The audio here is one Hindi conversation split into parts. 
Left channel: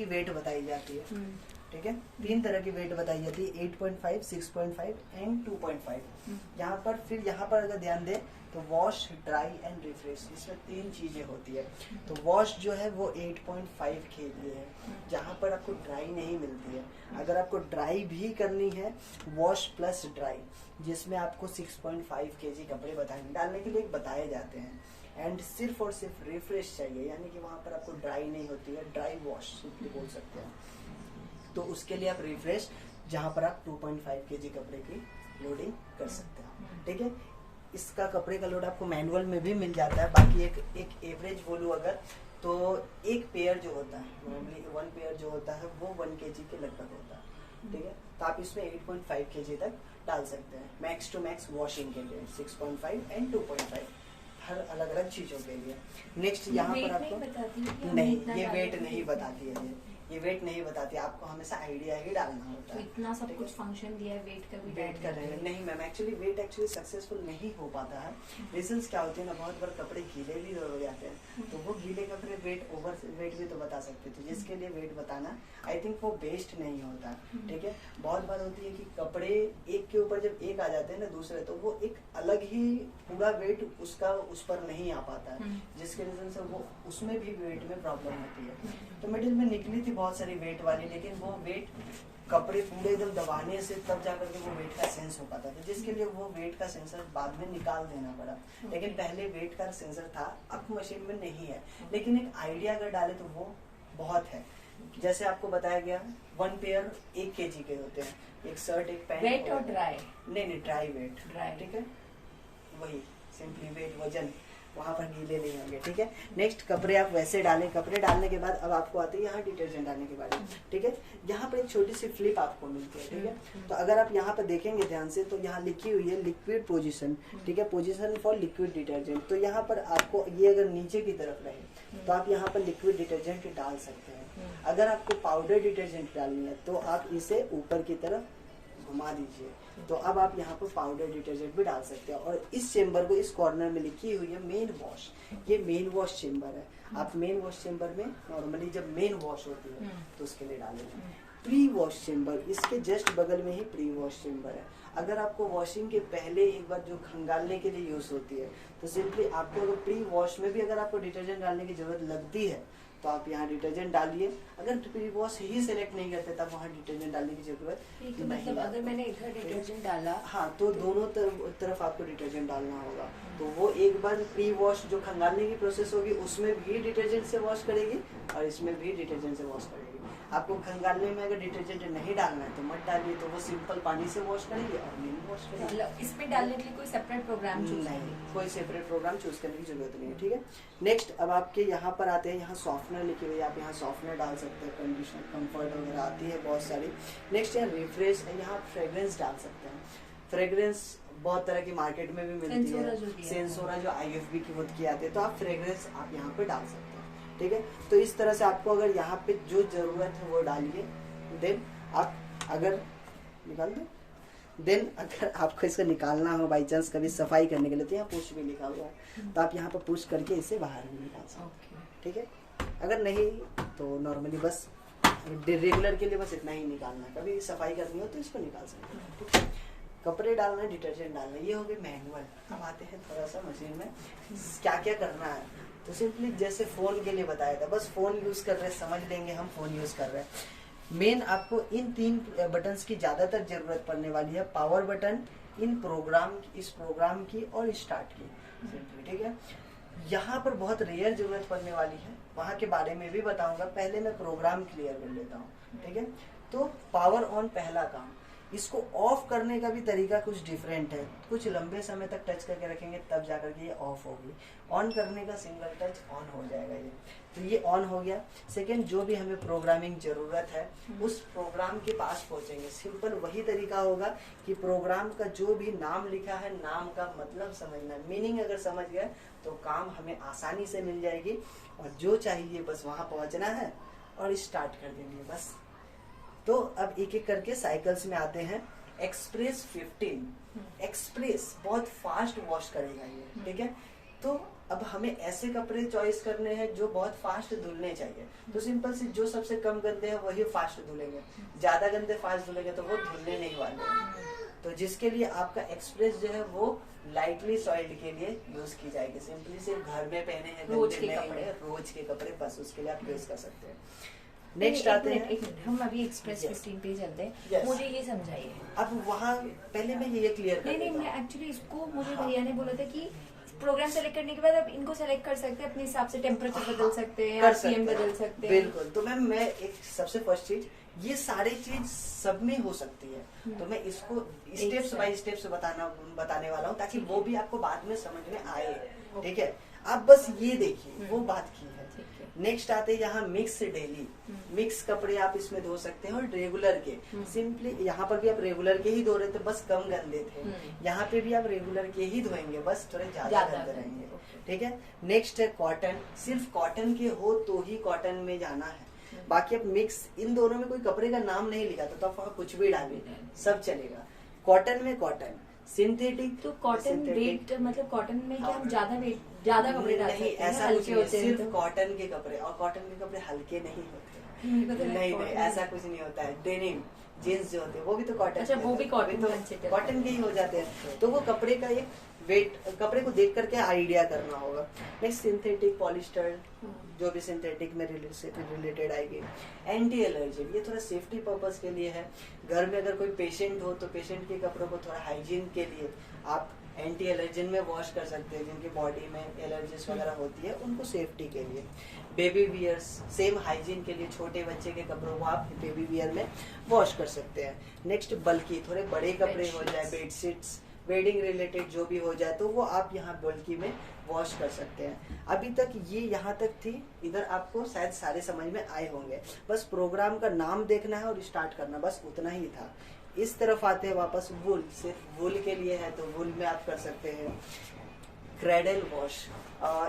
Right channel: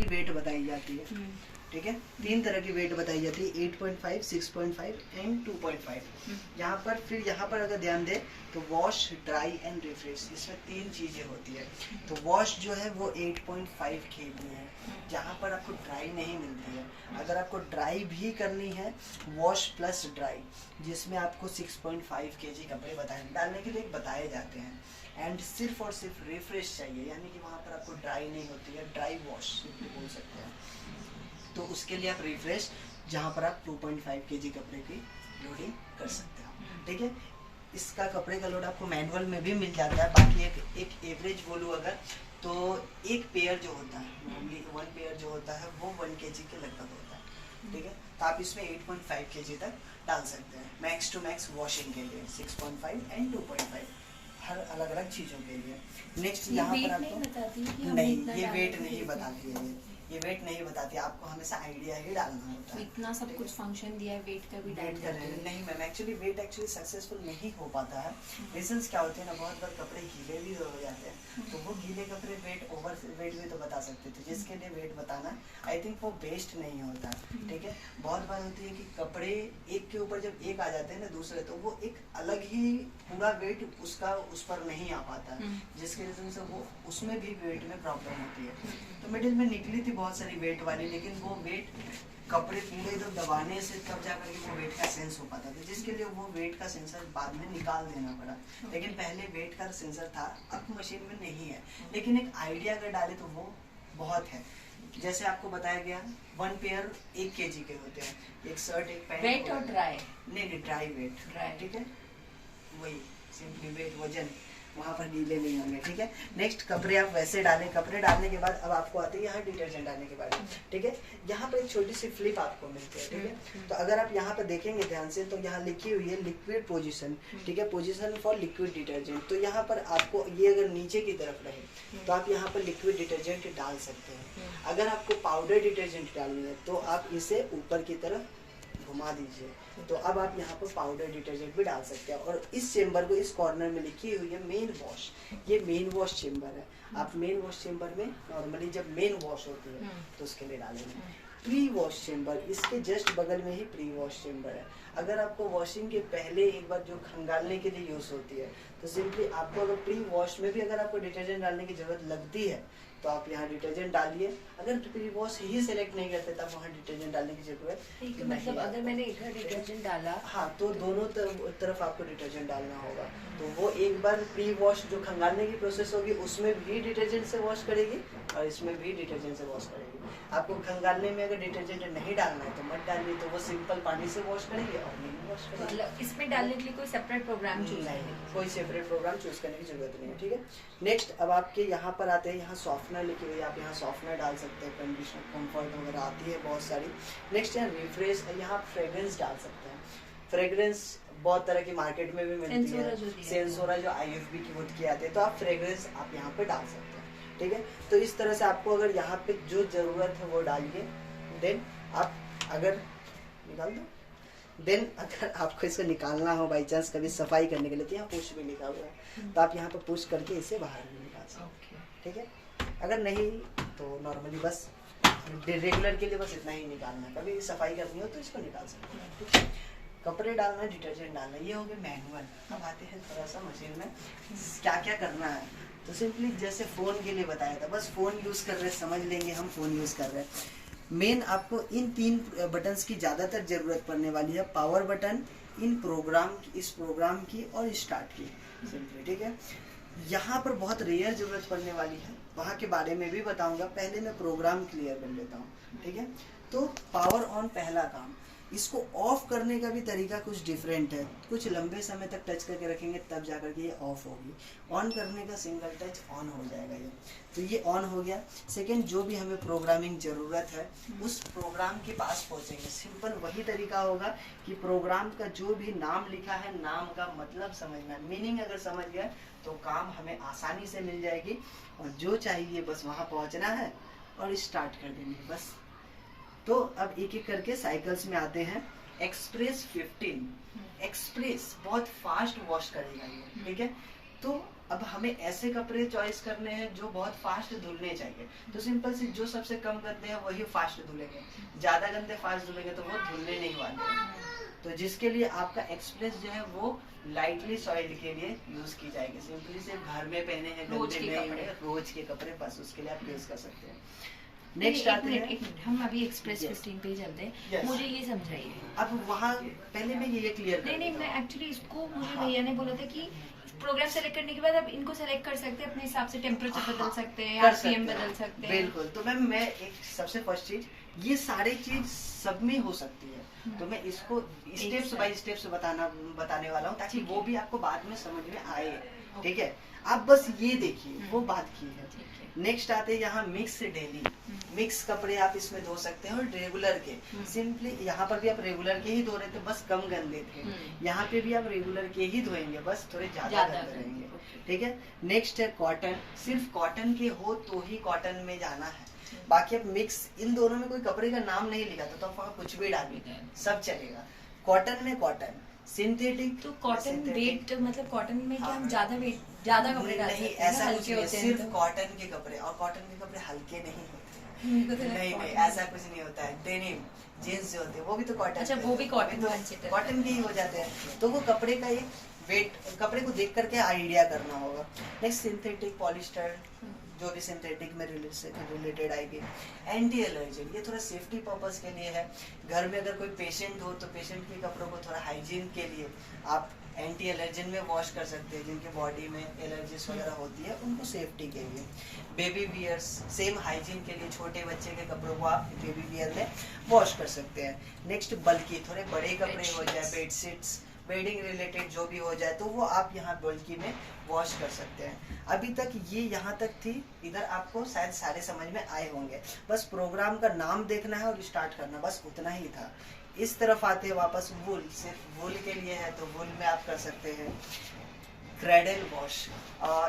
की वेट बताई जाती है, ठीक है। 3 तरह की वेट बताई जाती है, 8.5, 6.5 एंड 2.5। यहाँ पर फिर यहाँ पर अगर ध्यान दें तो वॉश, ड्राई एंड रिफ्रेश, इसमें 3 चीजें होती है। तो वॉश जो है वो 8.5 kg है, जहाँ पर आपको ड्राई नहीं मिलती है। अगर आपको ड्राई भी करनी है, वॉश प्लस ड्राई, जिसमें आपको 6.5 kg कपड़े डालने के लिए बताए जाते हैं। एंड सिर्फ और सिर्फ रिफ्रेश चाहिए, यानी कि वहाँ पर आपको ड्राई नहीं होती है, ड्राई वॉश बोल सकते हैं। तो उसके लिए आप रिफ्रेश, जहाँ पर आप 2.5 kg कपड़े की लोडिंग कर सकते हो, ठीक है। इसका कपड़े का लोड आपको मैनुअल में भी मिल जाता है। बाकी एक एवरेज बोलूँ अगर, तो एक पेयर जो होता है, नॉर्मली 1 पेयर जो होता है वो 1 kg के लगभग होता है, ठीक है। तो आप इसमें 8.5 kg तक डाल सकते हैं, मैक्स टू मैक्स वॉशिंग के लिए 6.5 एंड 2.5, हर अलग अलग चीजों के लिए। नेक्स्ट यहाँ पर आपको नहीं, ये वेट नहीं बताती है, ये वेट नहीं बताती, आपको हमेशा आइडिया ही डालना होता है। इतना सब कुछ फंक्शन दिया है, वेट का भी वेट कर रहे हैं नहीं मैम, एक्चुअली वेट सक्सेसफुल नहीं हो पाता है। रीजंस क्या होते हैं ना, बहुत बार कपड़े गीले भी हो जाते हैं, तो वो गीले कपड़े वेट ओवर वेट भी तो बता सकते थे, जिसके लिए वेट बताना आई थिंक वो बेस्ट नहीं होता, ठीक है। बहुत बार होती है कि कपड़े एक के ऊपर जब एक आ जाते हैं ना दूसरे, तो वो एक अलग ही पूरा वेट उसका उस पर नहीं आ पाता, जिसके रीजन से वो उसमें भी वेट में प्रॉब्लम होती है। तो मिडिल में निकली थी बहुत सारी वेट वाली, लेकिन वो वेट कपड़े पूरे एकदम दबाने से तब जाकर के वो वेट का सेंस हो पाता था, जिसके लिए वो वेट का सेंसर बाद में निकाल देना पड़ा। लेकिन पहले वेट का सेंसर था, अब मशीन में नहीं है, लेकिन एक आइडिया अगर डाले तो वो बहुत है। जैसे आपको बताया गया 1 पेयर 1 kg के होते हैं, एक शर्ट एक पैंट। वेट और ड्राई? नहीं ड्राई वेट, ठीक है, वही सिंपली वेट वजन, वहाँ पर गीले नहीं होंगे, ठीक है। नेक्स्ट कपड़े आप वैसे डालें, कपड़े डालने के बाद अब आपको आती है यहाँ डिटर्जेंट डालने के बारे में, ठीक है। यहाँ पर एक छोटी सी फ्लिप आपको मिलती है, ठीक है। तो अगर आप यहाँ पर देखेंगे ध्यान से, तो यहाँ लिखी हुई है लिक्विड पोजीशन, ठीक है, पोजीशन फॉर लिक्विड डिटर्जेंट। तो यहाँ पर आपको ये अगर नीचे की तरफ रहे तो आप यहाँ पर लिक्विड डिटर्जेंट डाल सकते हैं। अगर आपको पाउडर डिटर्जेंट डालना है तो आप इसे ऊपर की तरफ घुमा दीजिए, तो अब आप यहाँ पर पाउडर डिटर्जेंट भी डाल सकते हैं। और इस चेम्बर को, इस कॉर्नर में लिखी हुई है मेन वॉश, ये मेन वॉश चेम्बर है। आप मेन वॉश चेम्बर में नॉर्मली जब मेन वॉश होती है तो उसके लिए डालेंगे। प्री वॉश चेम्बर, इसके जस्ट बगल में ही प्री वॉश चेम्बर है। अगर आपको वॉशिंग के पहले एक बार जो खंगालने के लिए यूज होती है, तो सिंपली आपको अगर प्री वॉश में भी अगर आपको डिटर्जेंट डालने की जरूरत लगती है तो आप यहाँ डिटर्जेंट डालिए। अगर प्री वॉश ही सिलेक्ट नहीं करते तब वहाँ डिटर्जेंट डालने की जरूरत नहीं। मतलब अगर मैंने इधर डिटर्जेंट डाला, हाँ, तो दोनों तरफ आपको डिटर्जेंट डालना होगा। तो वो एक बार प्री वॉश जो खंगालने की प्रोसेस होगी उसमें भी डिटर्जेंट से वॉश करेगी और इसमें भी डिटर्जेंट से वॉश करेगी। आपको खंगालने में अगर डिटर्जेंट नहीं डालना है तो मत डालिए, तो वो सिंपल पानी से वॉश करेगी और नहीं वॉश करेगी। मतलब इसमें डालने के लिए कोई सेपरेट प्रोग्राम चूज नहीं, कोई सेपरेट प्रोग्राम चूज करने की जरूरत नहीं है, ठीक है। नेक्स्ट अब आपके यहाँ पर आते हैं, यहाँ सॉफ्टनर लिखी हुई है, आप यहाँ सॉफ्टनर डाल सकते हैं, कंडीशनर, कंफर्ट वगैरह आती है बहुत सारी। नेक्स्ट है रिफ्रेश, यहाँ आप फ्रेग्रेंस डाल सकते हैं। फ्रेग्रेंस बहुत तरह की मार्केट में भी मिलती है, सेंसोरा जो IFB की खुद की आती है, तो आप फ्रेग्रेंस आप यहाँ पे डाल सकते हैं, ठीक है। तो इस तरह से आपको अगर यहाँ पे जो जरूरत है वो डालिए। देन आप अगर निकाल दो, देन अगर आपको इसे निकालना हो बाई चांस कभी सफाई करने के लिए, तो यहाँ पुश भी लिखा हुआ है, तो आप यहाँ पर पुश करके इसे बाहर भी निकाल सकते हैं, ठीक है। अगर नहीं तो नॉर्मली बस रेगुलर के लिए बस इतना ही निकालना है, कभी सफाई करनी हो तो इसको निकाल सकते हैं, ठीक है। कपड़े डालना, डिटर्जेंट डालना, ये हो गए मैनुअल। अब आते हैं थोड़ा सा मशीन में क्या क्या करना है। तो सिंपली जैसे फ़ोन के लिए बताया था, बस फ़ोन यूज़ कर रहे हैं, समझ लेंगे हम फ़ोन यूज़ कर रहे हैं। मेन आपको इन 3 बटन्स की ज़्यादातर ज़रूरत पड़ने वाली है, पावर बटन, इन प्रोग्राम, इस प्रोग्राम की और स्टार्ट की, सिंपली, ठीक है। यहाँ पर बहुत रेयर ज़रूरत पड़ने वाली है, वहाँ के बारे में भी बताऊँगा, पहले मैं प्रोग्राम क्लियर कर लेता हूँ, ठीक है। तो पावर ऑन पहला काम, इसको ऑफ करने का भी तरीका कुछ डिफरेंट है, कुछ लंबे समय तक टच करके रखेंगे तब जाकर के ये ऑफ होगी। ऑन करने का सिंगल टच ऑन हो जाएगा ये, तो ये ऑन हो गया। सेकंड, जो भी हमें प्रोग्रामिंग जरूरत है उस प्रोग्राम के पास पहुंचेंगे, सिंपल वही तरीका होगा कि प्रोग्राम का जो भी नाम लिखा है, नाम का मतलब समझना, मीनिंग अगर समझ गए तो काम हमें आसानी से मिल जाएगी, और जो चाहिए बस वहाँ पहुँचना है और स्टार्ट कर देंगे बस। तो अब एक एक करके साइकिल्स में आते हैं। एक्सप्रेस 15, एक्सप्रेस बहुत फास्ट वॉश करेगा ये, ठीक है। तो अब हमें ऐसे कपड़े चॉइस करने हैं जो बहुत फास्ट धुलने चाहिए, तो सिंपल सी जो सबसे कम गंदे हैं वही फास्ट धुलेंगे, ज्यादा गंदे फास्ट धुलेंगे तो वो धुलने नहीं वाले हैं। तो जिसके लिए आपका एक्सप्रेस जो है वो लाइटली सॉइल्ड के लिए यूज की जाएगी। सिंपली सिर्फ घर में पहने हैं रोज गंदे के नहीं कपड़े। है, रोज के कपड़े बस उसके लिए आप यूज कर सकते हैं। नहीं, नेक्स्ट एक आते मिनट, हैं, एक मिनट, हम अभी एक्सप्रेस Yes. 15 पे चलते हैं। Yes. मुझे ये समझाइए। अब वहाँ पहले मैं ये क्लियर नहीं कर नहीं, देता मैं हूँ। एक्चुअली इसको मुझे हाँ। भैया ने बोला था कि प्रोग्राम सेलेक्ट करने के बाद आप इनको सेलेक्ट कर सकते हैं, अपने हिसाब से टेम्परेचर हाँ, बदल सकते हैं, कर आरपीएम सकते हैं। बदल सकते हैं। बिल्कुल। तो मैम मैं एक सबसे फर्स्ट चीज, ये सारी चीज सब में हो सकती है, तो मैं इसको स्टेप्स बाय स्टेप्स बताने वाला हूँ ताकि ठीक है। वो भी आपको बाद में समझ में आए। ठीक है, आप बस ये देखिए वो बात की है। ठीक है। नेक्स्ट आते हैं यहाँ मिक्स डेली। मिक्स कपड़े आप इसमें धो सकते हैं और रेगुलर के, सिंपली यहाँ पर भी आप रेगुलर के ही धो रहे थे, बस कम गंदे थे, यहाँ पे भी आप रेगुलर के ही धोएंगे, बस थोड़े ज्यादा ज्यादा गंदे गंदे, रहेंगे। ओके। ठीक है। नेक्स्ट है कॉटन, सिर्फ कॉटन के हो तो ही कॉटन में जाना है, बाकी अब मिक्स इन दोनों में कोई कपड़े का नाम नहीं लिखा था तो आप वहाँ कुछ भी डालिए, सब चलेगा। कॉटन में कॉटन, सिंथेटिक तो कॉटन वेट मतलब कॉटन में क्या हम ज्यादा कपड़े डाल नहीं, सकते हैं? ऐसा कुछ हल्के नहीं, होते हैं सिर्फ तो? कॉटन के कपड़े, और कॉटन के कपड़े हल्के नहीं होते हैं। मेरे को तो नहीं लगा नहीं, cotton- ऐसा कुछ नहीं होता है। डेनिम जीन्स जो होते हैं वो भी तो कॉटन, अच्छा, वो भी cotton तो consider कॉटन के ही हो जाते हैं। तो वो कपड़े का एक वेट, कपड़े को देख करके आइडिया करना होगा। नेक्स्ट सिंथेटिक, पॉलिस्टर, जो भी सिंथेटिक में रिलेटेड आएगी। एंटी एलर्जेन, ये थोड़ा सेफ्टी पर्पस के लिए है। घर में अगर कोई पेशेंट हो तो पेशेंट के कपड़ों को थोड़ा हाइजीन के लिए आप एंटी एलर्जेन में वॉश कर सकते हैं, जिनके बॉडी में एलर्जीज वगैरह होती है उनको सेफ्टी के लिए। बेबी वियर्स, सेम हाइजीन के लिए, छोटे बच्चे के कपड़ों को आप बेबी वियर में वॉश कर सकते हैं। नेक्स्ट बल्कि थोड़े बड़े कपड़े हो जाए, बेडशीट्स, बेडिंग रिलेटेड जो भी हो जाए तो वो आप यहाँ बल्कि में वॉश कर सकते हैं। अभी तक ये यहाँ तक थी, इधर आपको शायद सारे समझ में आए होंगे, बस प्रोग्राम का नाम देखना है और स्टार्ट करना, बस उतना ही था। इस तरफ आते हैं वापस, वुल, सिर्फ वुल के लिए है तो वुल में आप कर सकते हैं। क्रेडल वॉश,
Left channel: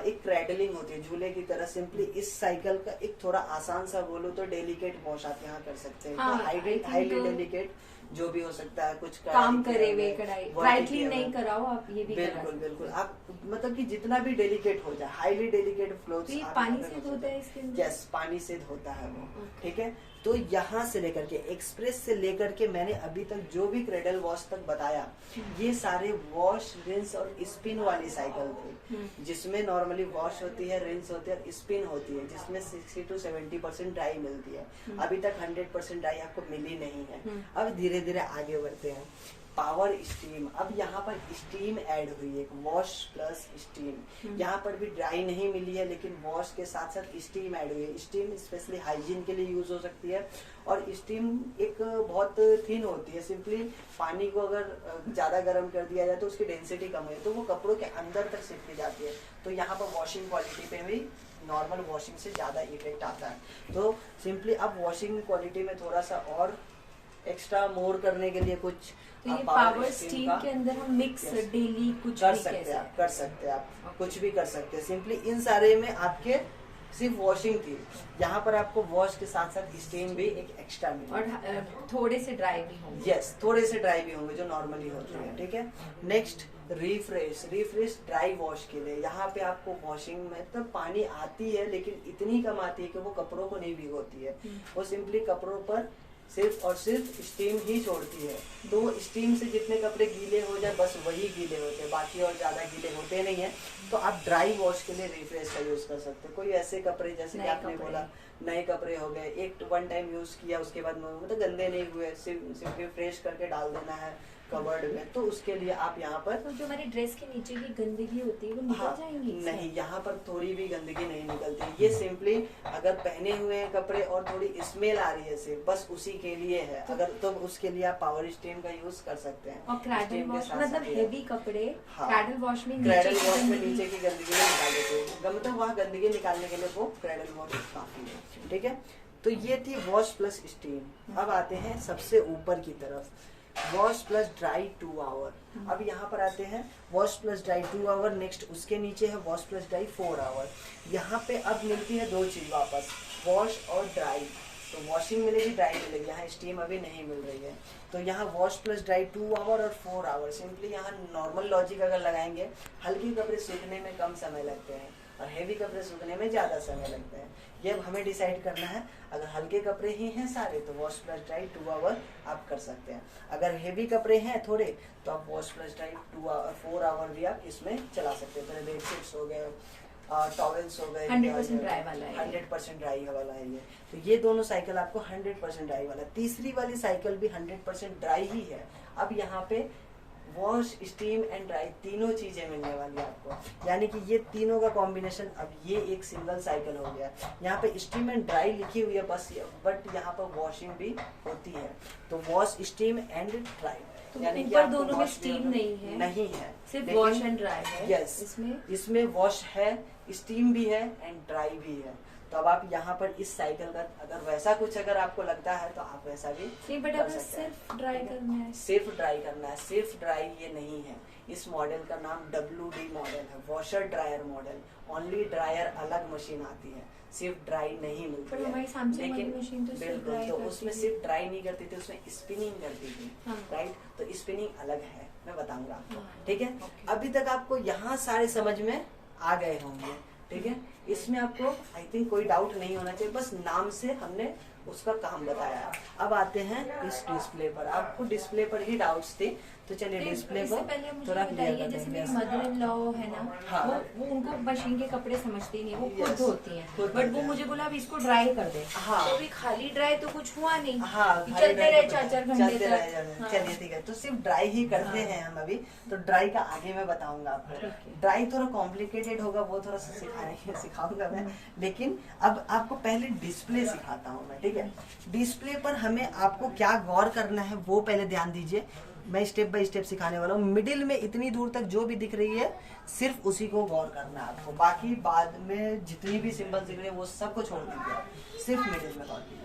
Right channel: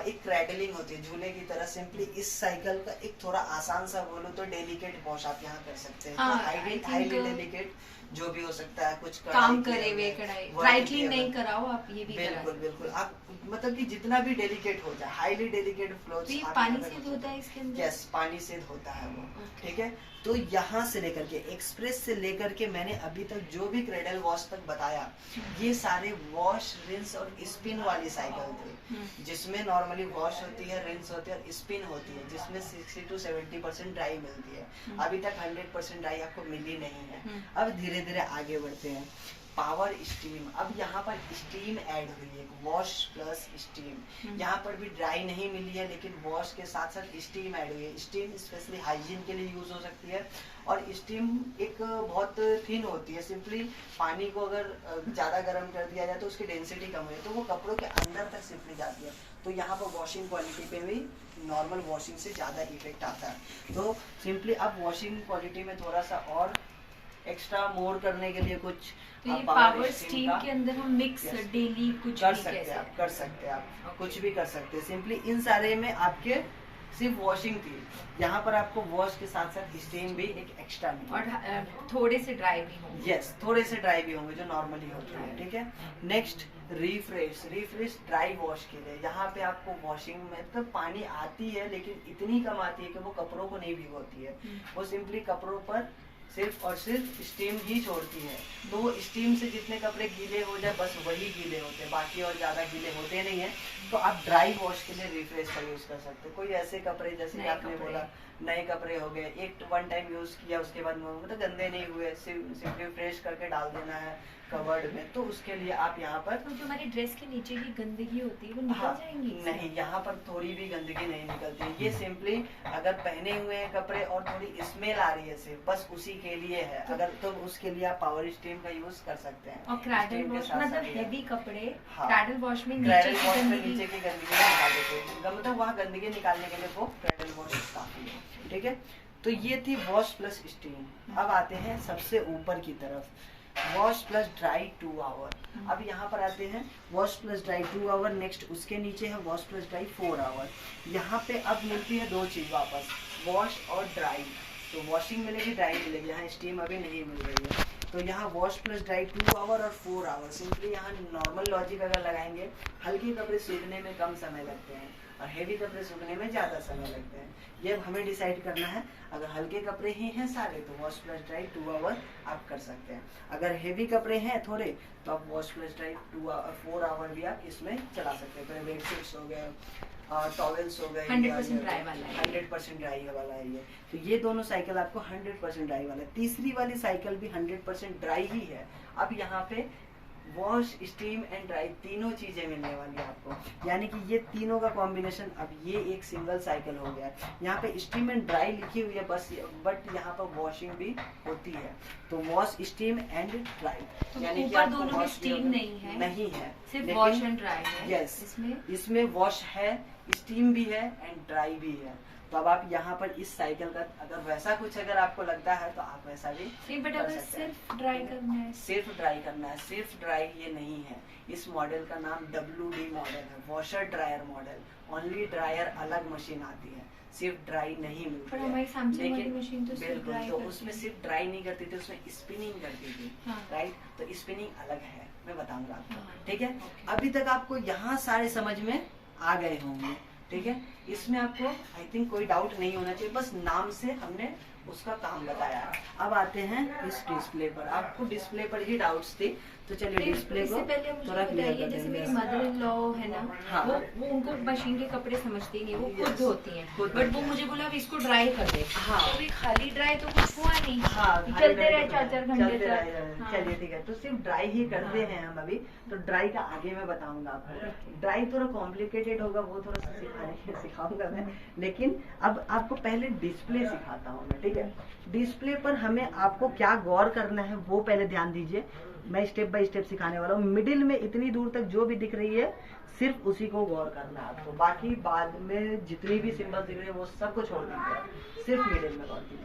एक क्रेडलिंग होती है झूले की तरह, सिंपली इस साइकिल का एक थोड़ा आसान सा बोलो तो डेलिकेट वॉश आप यहाँ कर सकते हैं। हाँ, तो I think हाईली डेलिकेट जो भी हो सकता है, कुछ काम कढ़ाई करे किया हुए हुआ, कढ़ाई, work ड्राई किया क्लीन हुआ। नहीं कराओ आप, ये भी करा बिल्कुल सकते हैं। बिल्कुल, आप मतलब कि जितना भी डेलिकेट हो जाए, हाईली डेलिकेट तो क्लोथ्स ये पानी से धोता है इसके अंदर? यस, पानी से धोता है वो। Okay. ठीक है। तो यहाँ से लेकर के एक्सप्रेस से लेकर के मैंने अभी तक जो भी क्रेडल वॉश तक बताया, ये सारे वॉश, रिंस और स्पिन वाली साइकिल थी, जिसमें नॉर्मली वॉश होती है, रिंस होती है और स्पिन होती है, जिसमें 60 to 70% ड्राई मिलती है। अभी तक 100% ड्राई आपको मिली नहीं है। अब धीरे धीरे आगे बढ़ते हैं। पावर स्टीम, अब यहाँ पर स्टीम ऐड हुई है, वॉश प्लस स्टीम। यहाँ पर भी ड्राई नहीं मिली है, लेकिन वॉश के साथ साथ स्टीम ऐड हुई है। स्टीम स्पेशली हाइजीन के लिए यूज हो सकती है, और स्टीम एक बहुत थिन होती है, सिंपली पानी को अगर ज्यादा गर्म कर दिया जाए तो उसकी डेंसिटी कम हुई तो वो कपड़ों के अंदर तक सिंपली जाती है। तो यहाँ पर वॉशिंग क्वालिटी पे भी नॉर्मल वॉशिंग से ज्यादा इफेक्ट आता है। तो सिंपली अब वॉशिंग क्वालिटी में थोड़ा सा और एक्स्ट्रा मोर करने के लिए कुछ तो ये power पावर steam स्टीम का के अंदर हम मिक्स Yes. डेली कुछ कर भी सकते हैं कैसे? आप, कर सकते हैं आप, कुछ भी कर सकते हैं। सिंपली इन सारे में आपके सिर्फ वॉशिंग थी, यहाँ पर आपको वॉश के साथ साथ स्टीम भी एक एक्स्ट्रा मिली। और थोड़े से ड्राई भी होंगे। यस, थोड़े से ड्राई भी होंगे जो नॉर्मली होते हैं। ठीक है। Next refresh, refresh dry wash के लिए, यहाँ पे आपको वॉशिंग में मतलब पानी आती है लेकिन इतनी कम आती है कि वो कपड़ों को नहीं भिगोती है, वो सिंपली कपड़ों पर सिर्फ और सिर्फ स्टीम ही छोड़ती है। तो स्टीम से जितने कपड़े गीले हो जाए बस वही गीले होते हैं, बाकी और ज्यादा गीले होते नहीं है। तो आप ड्राई वॉश के लिए रिफ्रेश का यूज कर सकते हैं। कोई ऐसे कपड़े जैसे कि नए आपने कपड़े। बोला नए कपड़े हो गए, एक वन टाइम यूज किया उसके बाद मतलब गंदे नहीं हुए, सिर्फ फ्रेश करके डाल देना है कवर्ड में, तो उसके लिए आप यहाँ पर तो जो हमारी ड्रेस के नीचे की गंदगी होती है वो निकल हाँ, जाएंगी इससे? नहीं, यहाँ पर थोड़ी भी गंदगी नहीं निकलती। ये सिंपली अगर पहने हुए हैं कपड़े और थोड़ी स्मेल आ रही है सिर्फ, बस उसी के लिए है। अगर तो उसके लिए आप पावर स्टीम का यूज कर सकते हैं। और क्रैडल Steam के वॉश साथ मतलब साथ ये हेवी कपड़े हाँ। क्रैडल वॉश में क्रैडल नीचे वॉश की में गंदगी नीचे की गंदगी को निकाल देते हैं, मतलब वहाँ गंदगी निकालने के लिए वो क्रैडल वॉश काफी है। ठीक है। तो ये थी वॉश प्लस स्टीम। अब आते हैं सबसे ऊपर की तरफ, वॉश प्लस ड्राई 2 आवर। अब यहाँ पर आते हैं wash plus dry 2 hour, next उसके नीचे है वॉश प्लस ड्राई 4 आवर। यहाँ पे अब मिलती है दो चीज वापस, वॉश और ड्राई। तो वॉशिंग मिलेगी, ड्राई मिलेगी, यहाँ स्टीम अभी नहीं मिल रही है। तो यहाँ वॉश प्लस ड्राई 2 आवर और 4 आवर। सिंपली यहाँ नॉर्मल लॉजिक अगर लगाएंगे, हल्के कपड़े सूखने में कम समय लगते हैं और हेवी कपड़े सूखने में ज़्यादा समय लगते हैं। ये अब हमें डिसाइड करना है। अगर हल्के कपड़े ही हैं सारे तो वॉश प्लस ड्राई 2 आवर आप कर सकते हैं। अगर हेवी कपड़े हैं थोड़े तो आप wash plus dry 2 hour 4 hour भी आप इसमें चला सकते हैं। पूरे बेडशीट्स हो गए, टॉवेल्स हो गए, 100% ड्राई वाला है, 100% ड्राई वाला है ये। तो ये दोनों साइकिल आपको 100% ड्राई वाला है। तीसरी वाली साइकिल भी 100% ड्राई ही है। अब यहाँ पे वॉश, स्टीम एंड ड्राई तीनों चीजें मिलने वाली है आपको, यानी कि ये तीनों का कॉम्बिनेशन। अब ये एक सिंगल साइकिल हो गया। यहाँ पे स्टीम एंड ड्राई लिखी हुई है बस, बट यहाँ पर वॉशिंग भी होती है। तो वॉश, स्टीम एंड ड्राई, तो यानी कि ऊपर आपको दोनों में wash स्टीम नहीं है, नहीं है, सिर्फ लेकिन- वॉश एंड ड्राई है। यस, इसमें वॉश है, स्टीम भी है एंड ड्राई भी है। तो अब आप यहाँ पर इस साइकिल का अगर वैसा कुछ अगर आपको लगता है तो आप वैसा भी नहीं, बट कर अगर सकते हैं। सिर्फ ड्राई करना है, सिर्फ ड्राई करना है, सिर्फ ड्राई ये नहीं है। इस मॉडल का नाम WD मॉडल है, washer dryer model. Only dryer अलग मशीन आती है, सिर्फ ड्राई नहीं मिलती पर है। हमारी सैमसंग वाली लेकिन मशीन तो सिर्फ बिल्कुल, ड्राई तो करती उसमें है। सिर्फ ड्राई नहीं करती थी, उसमें स्पिनिंग करती थी। हाँ। राइट, तो स्पिनिंग अलग है, मैं बताऊंगा आपको। हाँ, ठीक है, ओके। अभी तक आपको यहाँ सारे समझ में आ गए होंगे। ठीक है, इसमें आपको आई थिंक कोई डाउट नहीं होना चाहिए, बस नाम से हमने उसका काम बताया। अब आते हैं इस डिस्प्ले पर। आपको डिस्प्ले पर ही डाउट्स थे, तो चलिए डिस्प्ले को इससे पहले मुझे थोड़ा क्लियर बताइए, कर जैसे देंगे। मेरी मदर इन लॉ है ना, हाँ। वो उनको मशीन के कपड़े समझती नहीं, वो खुद Yes, धोती हैं, खुद बट धोती वो हैं। मुझे बोला अब इसको ड्राई कर दे। हाँ। तो ये खाली ड्राई तो कुछ हुआ नहीं, हाँ, चलते रहे 4-4 घंटे चलते तक। रहे। हाँ। चलिए ठीक है, तो सिर्फ ड्राई ही करते हाँ। हैं हम अभी। तो ड्राई का आगे मैं बताऊंगा आपको। ठीक है। ड्राई थोड़ा कॉम्प्लिकेटेड होगा, वो थोड़ा सा सिखाऊंगा मैं। लेकिन अब आपको पहले डिस्प्ले सिखाता हूँ मैं। ठीक है, डिस्प्ले पर हमें आपको क्या गौर करना है वो पहले ध्यान दीजिए। मैं स्टेप बाय स्टेप सिखाने वाला हूँ। मिडिल में इतनी दूर तक जो भी दिख रही है सिर्फ उसी को गौर करना है आपको। बाकी बाद में जितनी भी सिंबल दिख रही है वो सबको छोड़ दीजिए, सिर्फ मिडिल में गौर कीजिए।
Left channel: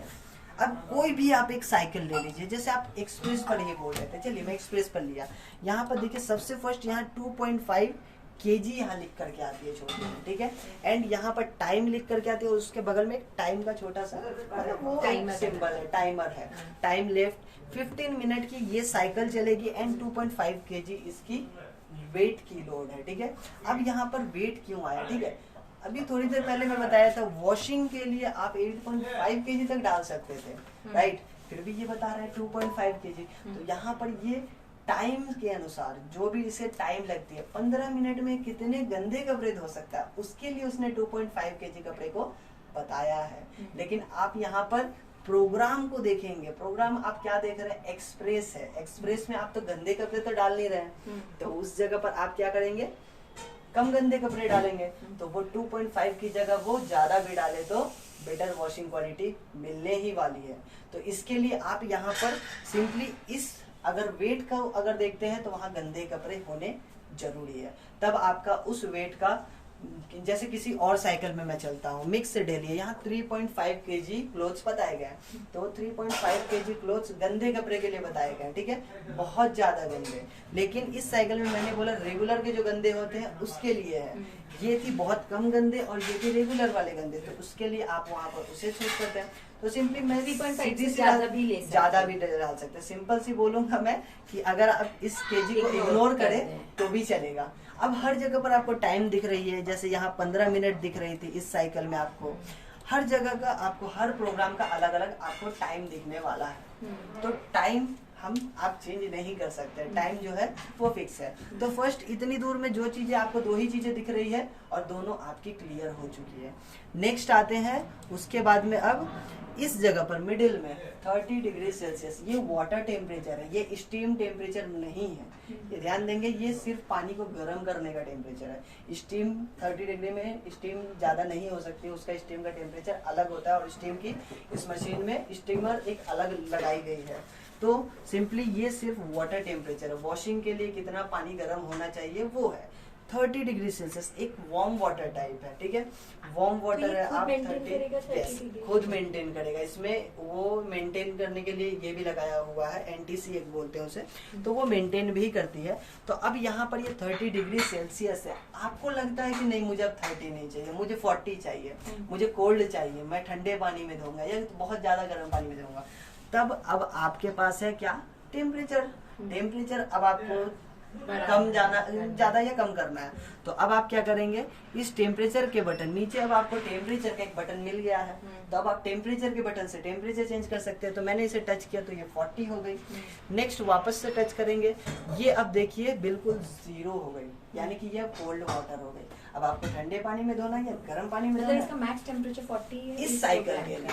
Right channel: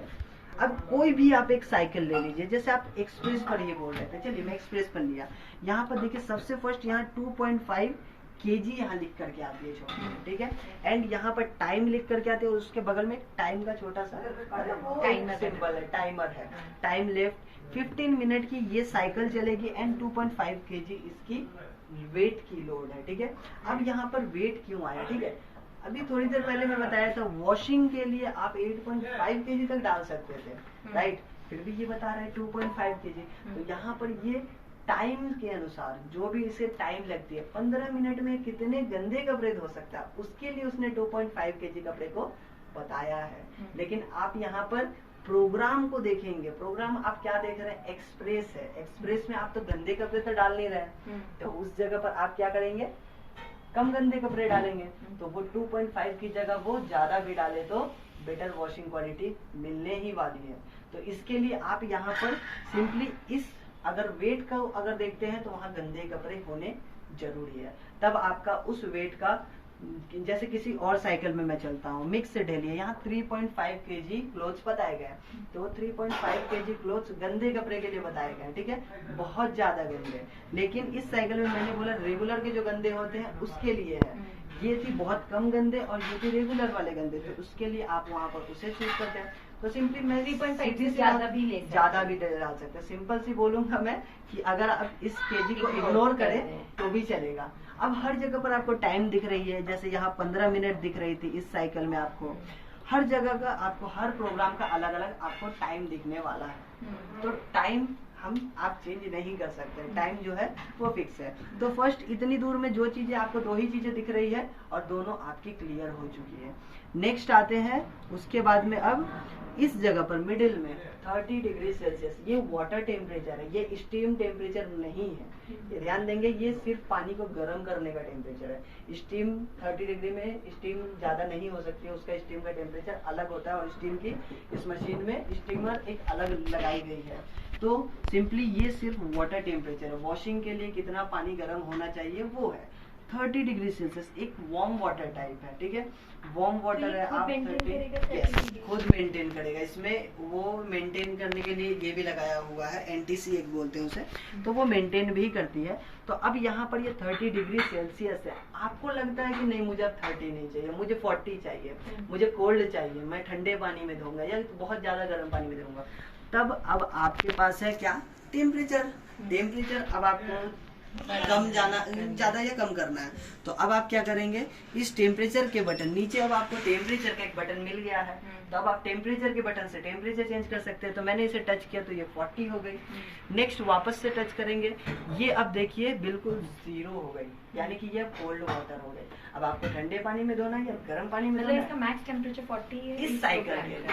अब कोई भी आप एक साइकिल ले लीजिए, जैसे आप एक्सप्रेस पर ही बोल रहे थे, चलिए मैं एक्सप्रेस पर लिया। यहाँ पर देखिए सबसे फर्स्ट यहाँ 2.5 kg यहाँ लिख करके आती है छोटी, ठीक है। एंड यहाँ पर टाइम लिख करके आती है, और उसके बगल में टाइम का छोटा सा टाइमर सिंबल है, टाइमर है। टाइम लेफ्ट 15 मिनट की ये साइकिल चलेगी एंड 2.5 kg इसकी वेट की लोड है। ठीक है, अब यहाँ पर वेट क्यों आया? ठीक है, अभी थोड़ी देर पहले मैं बताया था वॉशिंग के लिए आप 8.5 kg तक डाल सकते थे, राइट। फिर भी ये बता रहा है 2.5 kg। तो यहाँ पर ये टाइम के अनुसार जो भी इसे टाइम लगती है, 15 मिनट में कितने गंदे कपड़े धो सकता है, उसके लिए उसने 2.5 kg कपड़े को बताया है। लेकिन आप यहाँ पर प्रोग्राम को देखेंगे, प्रोग्राम आप क्या देख रहे हैं? एक्सप्रेस है। एक्सप्रेस में आप तो गंदे कपड़े तो डाल नहीं रहे, तो उस जगह पर आप क्या करेंगे? कम गंदे कपड़े डालेंगे। तो वो 2.5 की जगह वो ज्यादा भी डाले तो बेटर वॉशिंग क्वालिटी मिलने ही वाली है। तो इसके लिए आप यहाँ पर सिंपली इस अगर वेट का अगर देखते हैं तो वहाँ गंदे कपड़े होने जरूरी है। तब आपका उस वेट का, जैसे किसी और साइकिल में मैं चलता हूँ, मिक्स से डेली है, यहाँ 3.5 kg क्लोथ्स बताए गए, तो 3.5 kg क्लोथ्स गंदे कपड़े के लिए बताए गए, ठीक है, बहुत ज्यादा गंदे। लेकिन इस साइकिल में मैंने बोला रेगुलर के जो गंदे होते हैं उसके लिए है। ये थी बहुत कम गंदे और ये थी रेगुलर वाले गंदे, तो उसके लिए आप वहाँ पर उसे चूज करते हैं। तो सिंपली मैं 3.5 से ज्यादा भी ले सकते हैं। ज्यादा भी डाल सकते हैं। सिंपल सी बोलूंगा मैं कि अगर आप इस केजी को इग्नोर करें तो भी चलेगा। अब हर जगह पर आपको टाइम दिख रही है, जैसे यहाँ 15 मिनट दिख रही थी इस साइकिल में, आपको हर जगह का, आपको हर प्रोग्राम का अलग अलग आपको टाइम दिखने वाला है। तो टाइम आप चेंज नहीं कर सकते, टाइम जो है वो फिक्स है। तो फर्स्ट इतनी दूर में जो चीजें आपको, दो ही चीजें दिख रही है और दोनों आपकी क्लियर हो चुकी है। नेक्स्ट आते हैं उसके बाद में, अब इस जगह पर मिडिल में 30 डिग्री सेल्सियस, ये वाटर टेम्परेचर है, ये स्टीम टेम्परेचर नहीं है। ये ध्यान देंगे, ये सिर्फ पानी को गर्म करने का टेम्परेचर है। स्टीम 30 डिग्री में स्टीम ज्यादा नहीं हो सकती, उसका स्टीम का टेम्परेचर अलग होता है और स्टीम की इस मशीन में स्टीमर एक अलग लगाई गई है। तो सिंपली ये सिर्फ वाटर टेम्परेचर है। वॉशिंग के लिए कितना पानी गर्म होना चाहिए वो है 30 डिग्री सेल्सियस, एक वार्म वाटर टाइप है, ठीक है, वार्म वाटर है। आप 30 खुद मेंटेन करेगा। इसमें वो मेंटेन करने के लिए ये भी लगाया हुआ है, NTC एक बोलते हैं उसे, तो वो मेंटेन भी करती है। तो अब यहाँ पर ये 30 डिग्री सेल्सियस है। आपको लगता है कि नहीं मुझे अब 30 नहीं चाहिए, मुझे 40 चाहिए, मुझे कोल्ड चाहिए, मैं ठंडे पानी में धोऊंगा या बहुत ज्यादा गर्म पानी में धोऊंगा, तब अब आपके पास है क्या? टेम्परेचर अब आपको कम ज्यादा या कम करना है, तो अब आप क्या करेंगे, इस टेम्परेचर के बटन नीचे अब आपको टेम्परेचर का एक बटन मिल गया है, तो अब आप टेम्परेचर के बटन से टेम्परेचर चेंज कर सकते हैं। तो मैंने इसे टच किया तो ये 40 हो गई। नेक्स्ट वापस से टच करेंगे, ये अब देखिए बिल्कुल 0 हो गई, यानी कि ये कोल्ड वाटर हो गई। अब आपको ठंडे पानी में धोना है या गर्म पानी में मतलब धोना इसका मैक्स टेम्परेचर 40 है इस साइकिल के लिए।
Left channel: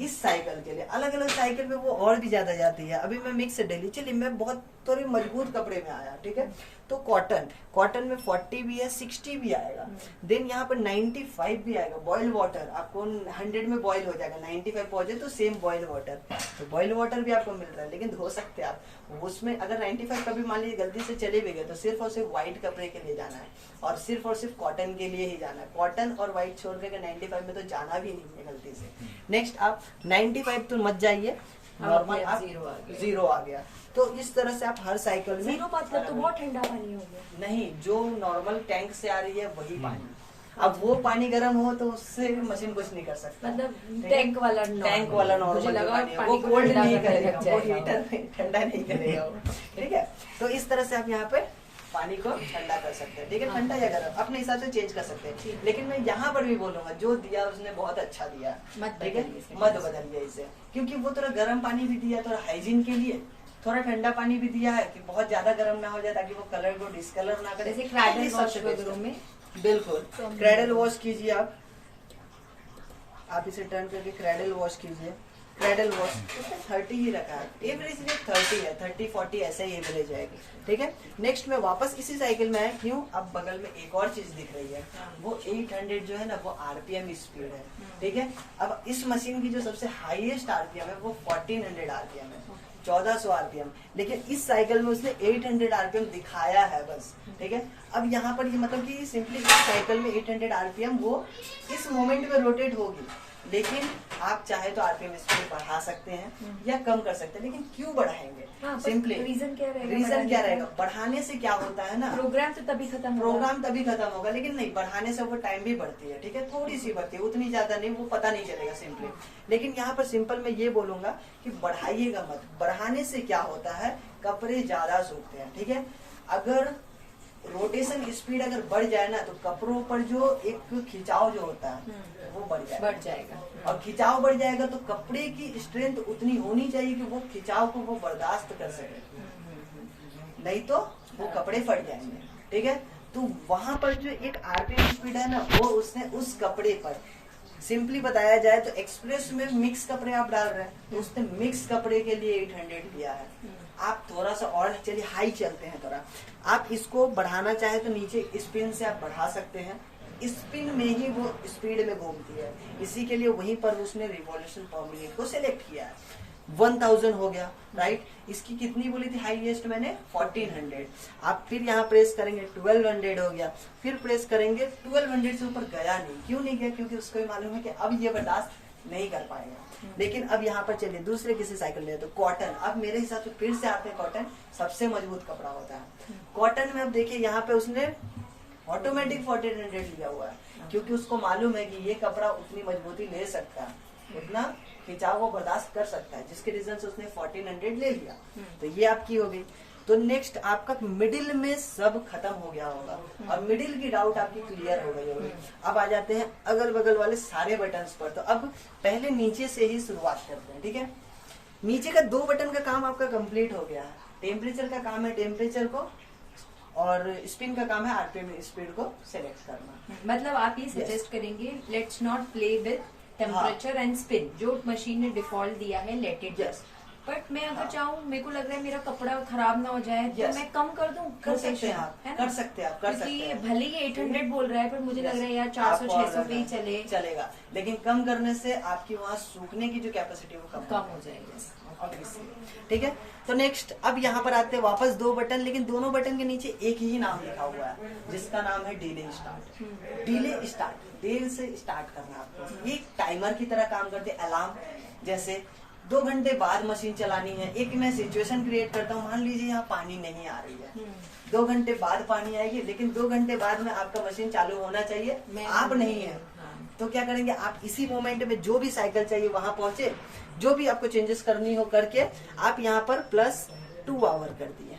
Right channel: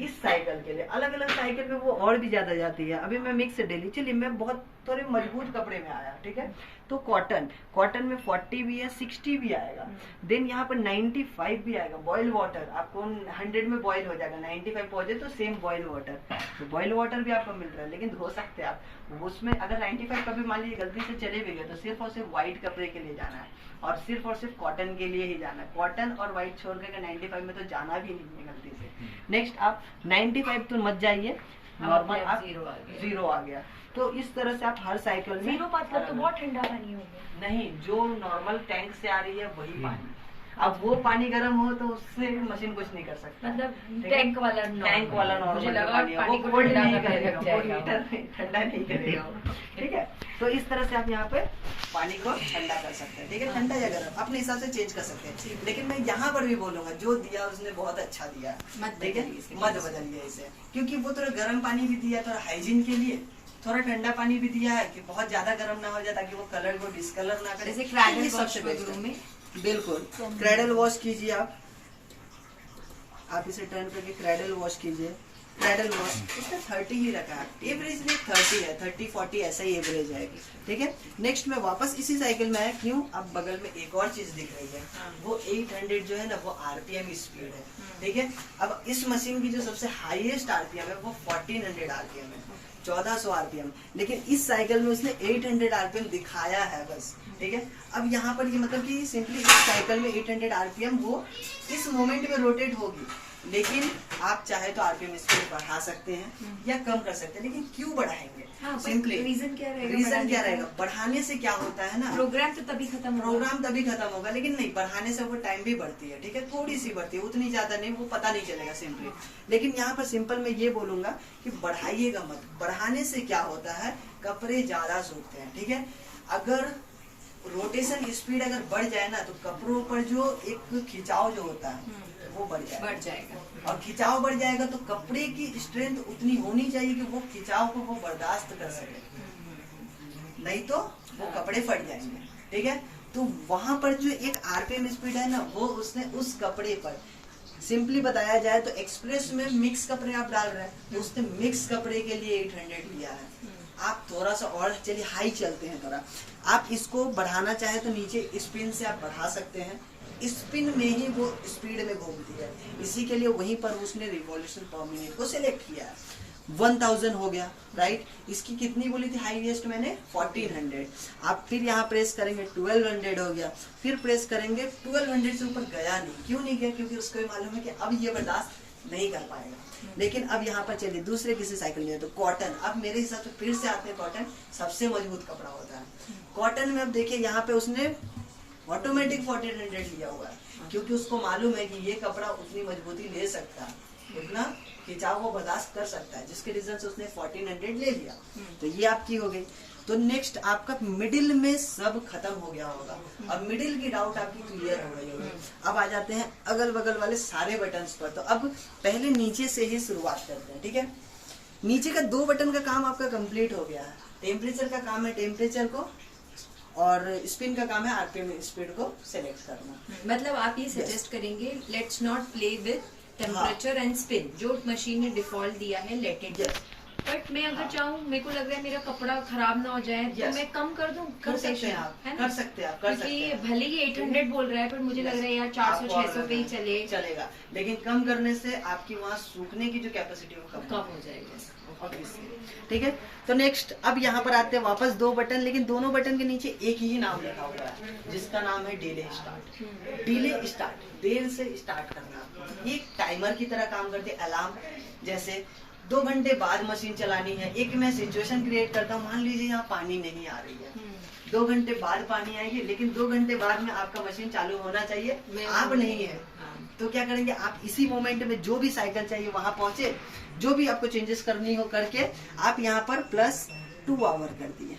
इस साइकिल के लिए अलग अलग साइकिल में वो और भी ज्यादा जाती है। अभी मैं मिक्स डेली, चलिए मैं बहुत थोड़े मजबूत कपड़े में आया, ठीक है, तो कॉटन में 40 भी है, 60 भी आएगा, देन यहाँ पर 95 भी आएगा। बॉयल वाटर आपको 100 में बॉयल हो जाएगा, 95 पहुंचे तो सेम बॉयल वाटर, तो बॉयल वाटर भी आपको मिल रहा है। लेकिन धो सकते हैं आप उसमें, अगर 95 कभी मान लीजिए गलती से चले भी गए तो सिर्फ और सिर्फ व्हाइट कपड़े के लिए जाना है और सिर्फ कॉटन के लिए ही जाना है। कॉटन और व्हाइट छोड़ कर 95 में तो जाना भी नहीं है गलती से। नेक्स्ट आप 95 तो मत जाइए, नॉर्मल आप 0 आ गया। तो इस तरह से आप हर साइकिल में 0 मतलब तो बहुत ठंडा पानी हो गया। नहीं, जो नॉर्मल टैंक से आ रही है वही पानी। अब वो पानी गर्म हो तो उससे मशीन कुछ नहीं कर सकता, मतलब टैंक वाला नॉर्मल मुझे लगा वो कोल्ड नहीं करेगा, वो वो हीटर ठंडा नहीं करेगा वो, ठीक है। तो इस तरह से आप यहाँ पे पानी को ठंडा कर सकते हैं, ठीक है, ठंडा या गर्म अपने हिसाब से चेंज कर सकते हैं। लेकिन मैं यहाँ पर भी बोलूंगा जो दिया उसने बहुत अच्छा दिया, ठीक है, मत बदलिए इसे, क्योंकि वो थोड़ा गर्म पानी भी दिया, थोड़ा हाइजीन के लिए थोड़ा ठंडा पानी भी दिया है कि बहुत ज्यादा गर्म ना हो जाए, ताकि वो कलर को डिस्कलर ना करे। जैसे क्रैडल वॉश में बिल्कुल क्रैडल वॉश कीजिए आप इसे टर्न करके क्रैडल वॉश कीजिए। क्रैडल वॉश उसने 30 ही रखा है, एवरेज में 30 है, 30-40 ऐसा ही एवरेज है, ठीक है। नेक्स्ट में वापस इसी साइकिल में आया, क्यों, अब बगल में एक और चीज दिख रही है, वो 800 जो है ना वो आरपीएम स्पीड है, ठीक है। अब इस मशीन की जो सबसे हाईएस्ट आरपीएम है वो 1400 आरपीएम है, 1400 आरपीएम। लेकिन इस साइकिल में उसने 800 आरपीएम दिखाया है बस, ठीक है। अब यहाँ पर ये मतलब कि सिंपली इस साइकिल में 800 आरपीएम वो इस मोमेंट में रोटेट होगी, लेकिन आप चाहे तो आरपीएम स्पीड बढ़ा सकते हैं या कम कर सकते हैं। लेकिन क्यों बढ़ाएंगे, सिंपली रीजन क्या रहेगा, बढ़ाने से क्या होता है ना, प्रोग्राम तभी खत्म होगा, लेकिन नहीं, बढ़ाने से वो टाइम भी बढ़ती है, ठीक है, थोड़ी सी बढ़ती है, उतनी ज्यादा नहीं, वो पता नहीं चलेगा सिंपली। लेकिन यहाँ पर सिंपल मैं ये बोलूंगा कि बढ़ाइएगा मत, बढ़ाने से क्या होता है, कपड़े ज्यादा सूखते हैं, ठीक है। अगर रोटेशन स्पीड अगर बढ़ जाए ना तो कपड़ों पर जो एक खिंचाव जो होता है वो बढ़ जाएगा, और खिंचाव बढ़ जाएगा तो कपड़े की स्ट्रेंथ उतनी होनी चाहिए कि वो खिंचाव को वो बर्दाश्त कर सके, नहीं तो वो कपड़े फट जाएंगे, ठीक है। तो वहां पर जो एक आरपीएम स्पीड है ना वो उसने उस कपड़े पर, सिंपली बताया जाए तो एक्सप्रेस में मिक्स कपड़े आप डाल रहे हैं तो उसने मिक्स कपड़े के लिए 800 दिया है। आप थोड़ा सा और चलिए हाई चलते हैं, थोड़ा आप इसको बढ़ाना चाहे तो नीचे स्पिन से आप बढ़ा सकते हैं, स्पिन में ही वो स्पीड में घूमती है, इसी के लिए वहीं पर उसने रिवॉल्यूशन पर मिनट को सिलेक्ट किया है। 1000 हो गया, राइट। इसकी कितनी बोली थी हाईएस्ट मैंने, 1400। आप फिर यहाँ प्रेस करेंगे 1200 हो गया, फिर प्रेस करेंगे 1200 से ऊपर गया नहीं, क्यों नहीं गया, क्योंकि उसको भी मालूम है कि अब ये बर्दाश्त नहीं कर पाएगा। लेकिन अब यहाँ पर चलिए दूसरे किसी साइकिल में, तो कॉटन, अब मेरे हिसाब से फिर से आते हैं, कॉटन सबसे मजबूत कपड़ा होता है। कॉटन में अब देखिए यहाँ पे उसने ऑटोमेटिक 1400 लिया हुआ है, क्योंकि उसको मालूम है कि ये कपड़ा उतनी मजबूती ले सकता है, उतना खिंचाव वो बर्दाश्त कर सकता है, जिसके रीजन से उसने 1400 ले लिया। तो ये आपकी हो गई। तो नेक्स्ट आपका मिडिल में सब खत्म हो गया होगा, अब मिडिल की डाउट आपकी क्लियर हो गई होगी। अब आ जाते हैं अगल बगल वाले सारे बटन्स पर। तो अब पहले नीचे से ही शुरुआत करते हैं, ठीक है। नीचे का 2 बटन का काम आपका कंप्लीट हो गया है। टेम्परेचर का काम है टेम्परेचर को, और स्पिन का काम है आरपीएम स्पीड को सिलेक्ट करना। मतलब आप ये सजेस्ट करेंगे let's not play with temperature and spin, जो मशीन ने डिफॉल्ट दिया है लेट इट। बट मैं अगर चाहूँ, मेरे को लग रहा है मेरा कपड़ा खराब ना हो जाए तो मैं कम कर दूं, कर सकते हैं आप, कर सकते हैं आप, क्योंकि भले ही 800 बोल रहा है पर मुझे लग रहा है यार 400-600 पे ही चलेगा, लेकिन कम करने से आपकी वहाँ सूखने की जो कैपेसिटी वो कम हो जाएगी, ठीक है। तो नेक्स्ट अब यहाँ पर आते हैं वापस 2 बटन, लेकिन दोनों बटन के नीचे एक ही नाम लिखा हुआ है, जिसका नाम है डिले स्टार्ट। डिले स्टार्ट, देर से स्टार्ट करना आपको, एक टाइमर की तरह काम करते, अलार्म जैसे 2 घंटे बाद मशीन चलानी है। एक मैं सिचुएशन क्रिएट करता हूँ, मान लीजिए यहाँ पानी नहीं आ रही है, 2 घंटे बाद पानी आएगी, लेकिन 2 घंटे बाद में आपका मशीन चालू होना चाहिए, आप नहीं है, तो क्या करेंगे आप इसी मोमेंट में जो भी साइकिल चाहिए वहां पहुंचे, जो भी आपको चेंजेस करनी हो करके आप यहाँ पर प्लस 2 आवर कर दिए।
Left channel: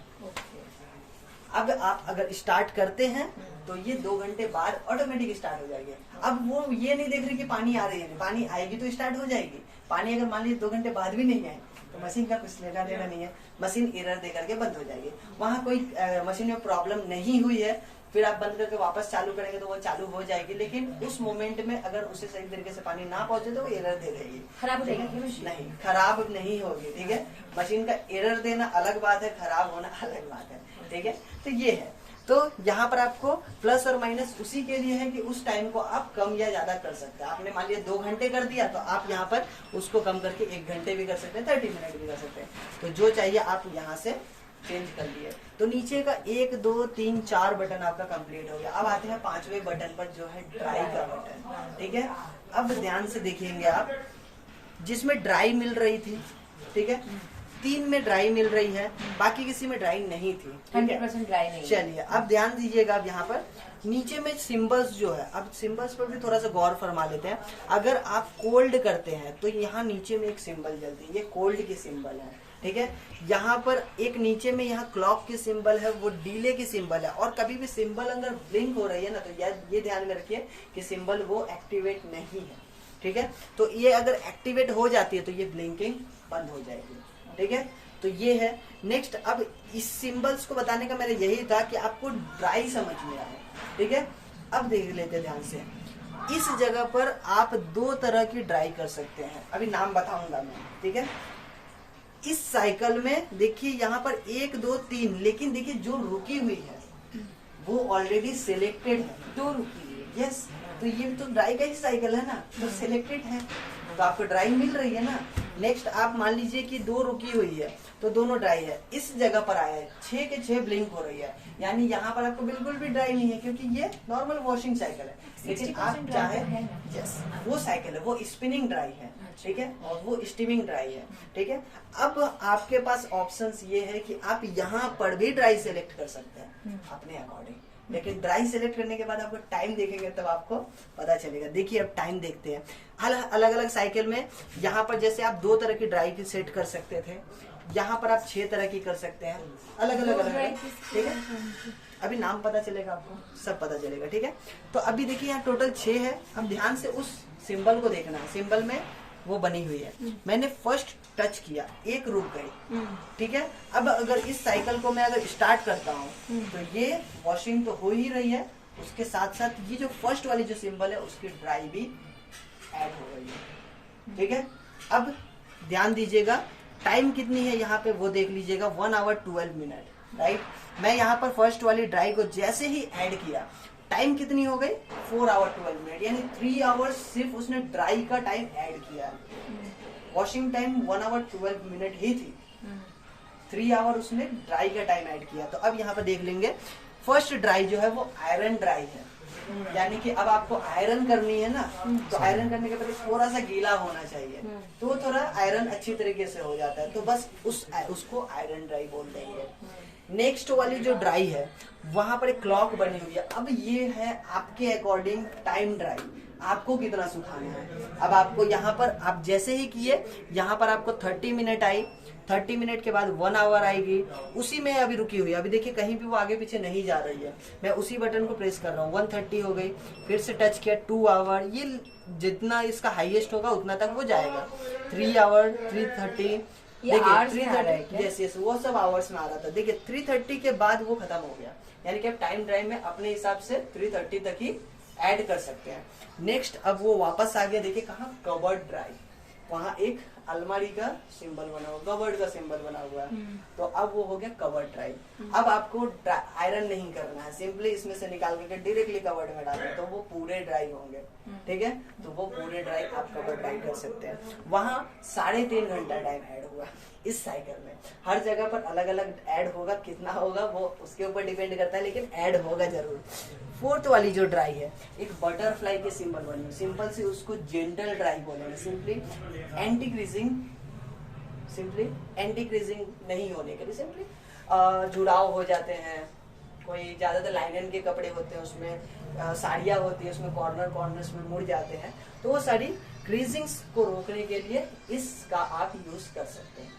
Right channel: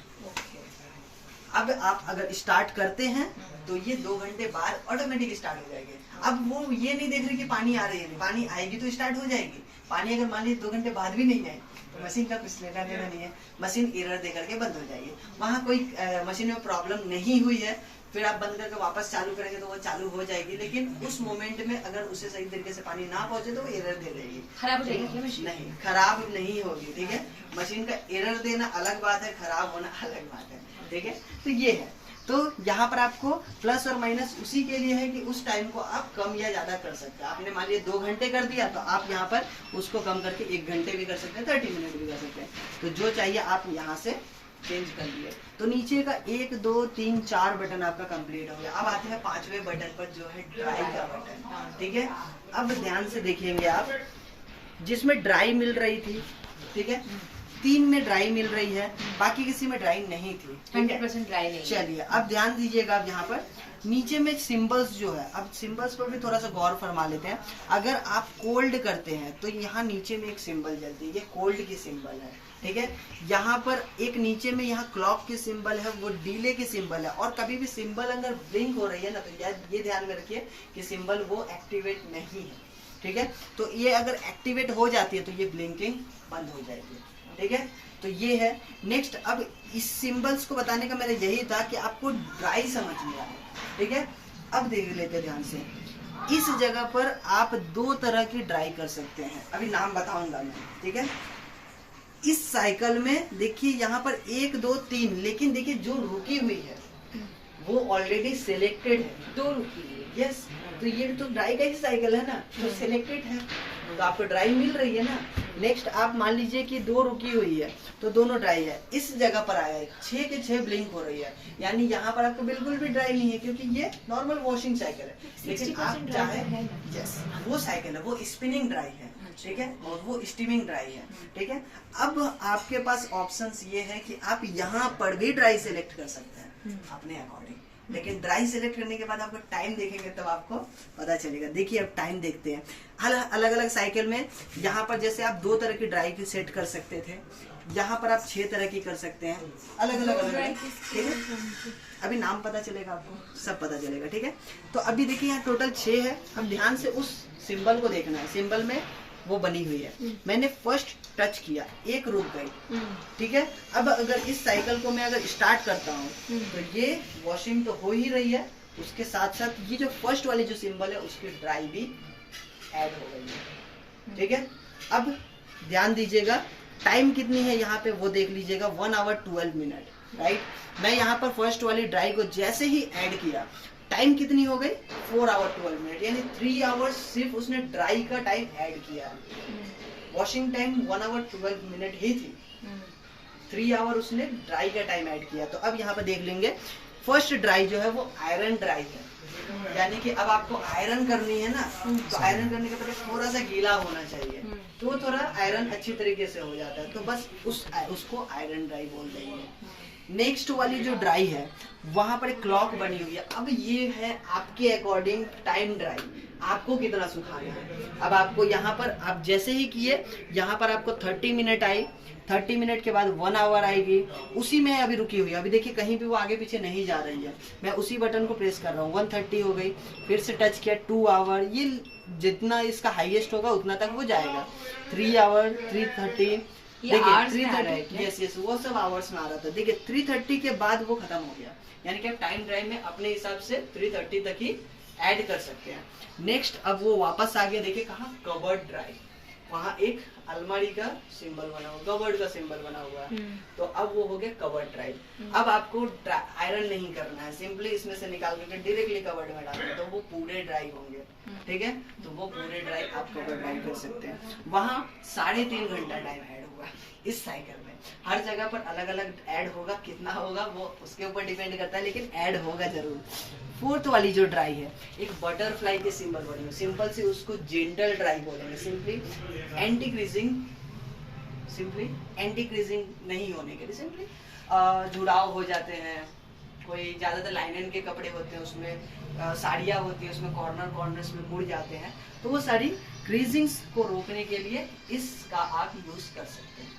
अब आप अगर स्टार्ट करते हैं तो ये 2 घंटे बाद ऑटोमेटिक स्टार्ट हो जाएंगे। अब वो ये नहीं देख रहे कि पानी आ रही है, पानी आएगी तो स्टार्ट हो जाएगी। पानी अगर मान लीजिए 2 घंटे बाद भी नहीं आए तो मशीन का कुछ लेना देना नहीं है, मशीन एरर दे करके बंद हो जाएगी। वहाँ कोई मशीन में प्रॉब्लम नहीं हुई है, फिर आप बंद करके वापस चालू करेंगे तो वो चालू हो जाएगी, लेकिन उस मोमेंट में अगर उसे सही तरीके से पानी ना पहुंचे तो वो एरर दे देगी। खराब हो जाएगी मशीन? नहीं, खराब नहीं होगी। ठीक है, मशीन का एरर देना अलग बात है, खराब होना अलग बात है। ठीक है, तो ये है। तो यहाँ पर आपको प्लस और माइनस उसी के लिए है कि उस टाइम को आप कम या ज्यादा कर सकते हैं। आपने मान लिया 2 घंटे कर दिया तो आप यहाँ पर उसको कम करके 1 घंटे भी कर सकते हैं, 30 मिनट भी कर सकते हैं। तो जो चाहिए आप यहाँ से चेंज कर लिए। तो नीचे का 1 2 3 4 बटन आपका कंप्लीट हो गया। अब आते हैं 5वें बटन पर जो है ड्राई का बटन। ठीक है, अब ध्यान से देखेंगे आप, जिसमें ड्राई मिल रही थी, ठीक है, 3 में ड्राई मिल रही है, बाकी किसी में ड्राई नहीं थी। 100% ड्राई नहीं। चलिए अब ध्यान दीजिएगा, अब यहाँ पर नीचे में सिंबल्स जो है, अब सिंबल्स पर भी थोड़ा सा गौर फरमा लेते हैं। अगर आप कोल्ड करते हैं तो यहाँ नीचे में एक सिंबल जलती है, ये कोल्ड की सिंबल है। ठीक है, यहाँ पर एक नीचे में यहाँ क्लॉक की सिंबल है, वो डीले की सिंबल है। और कभी भी सिंबल अगर ब्लिंक हो रही है ना तो ये ध्यान में रखिए कि सिंबल वो एक्टिवेट नहीं है। ठीक है, तो ये अगर एक्टिवेट हो जाती है तो ये ब्लिंकिंग बंद हो जाएगी। ठीक है, तो ये है। नेक्स्ट, अब इस सिंबल्स को बताने का मेरा यही था कि आपको ड्राई समझ में आए। ठीक है, अब देख लेते ध्यान से। इस जगह पर आप 2 तरह की ड्राई कर सकते हैं, अभी नाम बताऊंगा मैं। ठीक है, इस साइकिल में देखिए यहाँ पर 1 2 3, लेकिन देखिए जो रुकी हुई है वो ऑलरेडी सिलेक्टेड है। 2 रुकी हुई है। यस, तो ये तो ड्राई का ही साइकिल है ना, तो सिलेक्टेड है तो आपको ड्राई मिल रही है ना। नेक्स्ट, आप मान लीजिए कि 2 रुकी हुई है तो दोनों ड्राई है। इस जगह पर आया है 6 के 6 ब्लिंक हो रही है, यानी यहाँ पर आपको बिल्कुल भी ड्राई नहीं है, क्योंकि ये नॉर्मल वॉशिंग साइकिल है। लेकिन आप चाहे, यस, वो साइकिल है, वो स्पिनिंग ड्राई है। ठीक है, और वो स्टीमिंग ड्राई है। ठीक है, अब आपके पास ऑप्शंस ये है कि आप यहाँ पर भी ड्राई सेलेक्ट कर सकते हैं अपने अकॉर्डिंग, लेकिन ड्राई सेलेक्ट करने के बाद आपको टाइम देखेंगे तब आपको पता चलेगा। देखिए अब टाइम देखते हैं। अलग अलग साइकिल में यहाँ पर जैसे आप 2 तरह की ड्राई की सेट कर सकते थे, यहाँ पर आप 6 तरह की कर सकते हैं, अलग अलग। ठीक है, अभी नाम पता चलेगा आपको, सब पता चलेगा। ठीक है, तो अभी देखिए यहाँ टोटल 6 है। अब ध्यान से उस सिंबल को देखना है, सिंबल में वो बनी हुई है। मैंने फर्स्ट टच किया, 1 रुक गई। ठीक है, अब अगर इस साइकिल को मैं अगर स्टार्ट करता हूँ तो ये वॉशिंग तो हो ही रही है, उसके साथ साथ ये जो फर्स्ट वाली जो सिंबल है उसकी ड्राई भी ऐड हो गई है। ठीक है, अब ध्यान दीजिएगा, टाइम कितनी है यहाँ पे वो देख लीजिएगा, 1 आवर 12 मिनट। राइट, मैं यहाँ पर फर्स्ट वाली ड्राई को जैसे ही ऐड किया, टाइम कितनी हो गई, 4 आवर 12 मिनट, यानी 3 आवर्स सिर्फ उसने ड्राई का टाइम ऐड किया। वॉशिंग टाइम 1 आवर 12 मिनट ही थी, 3 आवर उसने ड्राई का टाइम ऐड किया। तो अब यहाँ पे देख लेंगे, फर्स्ट ड्राई जो है वो आयरन ड्राई है, यानी कि अब आपको आयरन करनी है ना, तो आयरन करने के पहले थोड़ा सा गीला होना चाहिए, तो थोड़ा आयरन अच्छी तरीके से हो जाता है, तो बस उसको आयरन ड्राई बोल देंगे। नेक्स्ट वाली जो ड्राई है वहां पर एक क्लॉक बनी हुई है। अब ये है आपके अकॉर्डिंग टाइम ड्राई, आपको कितना सुखाना है। अब आपको यहाँ पर आप जैसे ही किए, यहाँ पर आपको 30 मिनट आई, 30 मिनट के बाद 1 आवर आएगी, उसी में अभी रुकी हुई है। अभी देखिए कहीं भी वो आगे पीछे नहीं जा रही है, मैं उसी बटन को प्रेस कर रहा हूँ, 130 हो गई, फिर से टच किया 2 आवर, ये जितना इसका हाईएस्ट होगा उतना तक वो जाएगा। 3 आवर, 330, देखिए 330, यस यस, वो सब आवर्स में आ रहा था। देखिए 330 के बाद वो खत्म हो गया, यानी कि आप टाइम ड्राइव में अपने हिसाब से 330 तक ही ऐड कर सकते हैं। नेक्स्ट, अब वो वापस आ गया, देखिए कहाँ, कवर्ड ड्राइव, वहाँ एक अलमारी का सिंबल बना हुआ, कवर्ड का सिंबल बना हुआ है, तो अब वो हो गया कवर्ड ड्राइव। अब आपको आयरन नहीं करना है, सिंपली इसमें से निकाल करके डायरेक्टली कवर्ड में डालना है, तो वो पूरे ड्राई होंगे। ठीक है, तो वो पूरे ड्राइव आप कवर्ड ड्राइव कर सकते हैं। वहाँ 3.5 घंटा टाइम ऐड हुआ इस साइकिल में। हर जगह पर अलग अलग ऐड होगा, कितना होगा वो उसके ऊपर डिपेंड करता है, लेकिन ऐड होगा जरूर। फोर्थ वाली जो ड्राई है, एक बटरफ्लाई के सिंबल बनी है, सिंपल सी उसको जेंटल ड्राई बोलेंगे, simply anti creasing, simply anti creasing नहीं होने के लिए, सिंपली जुड़ाव हो जाते हैं, कोई ज्यादातर लाइनन के कपड़े होते हैं उसमें, साड़ियाँ होती है उसमें कॉर्नर्स में मुड़ जाते हैं, तो वो सारी क्रीजिंग्स को रोकने के लिए इसका आप यूज कर सकते हैं।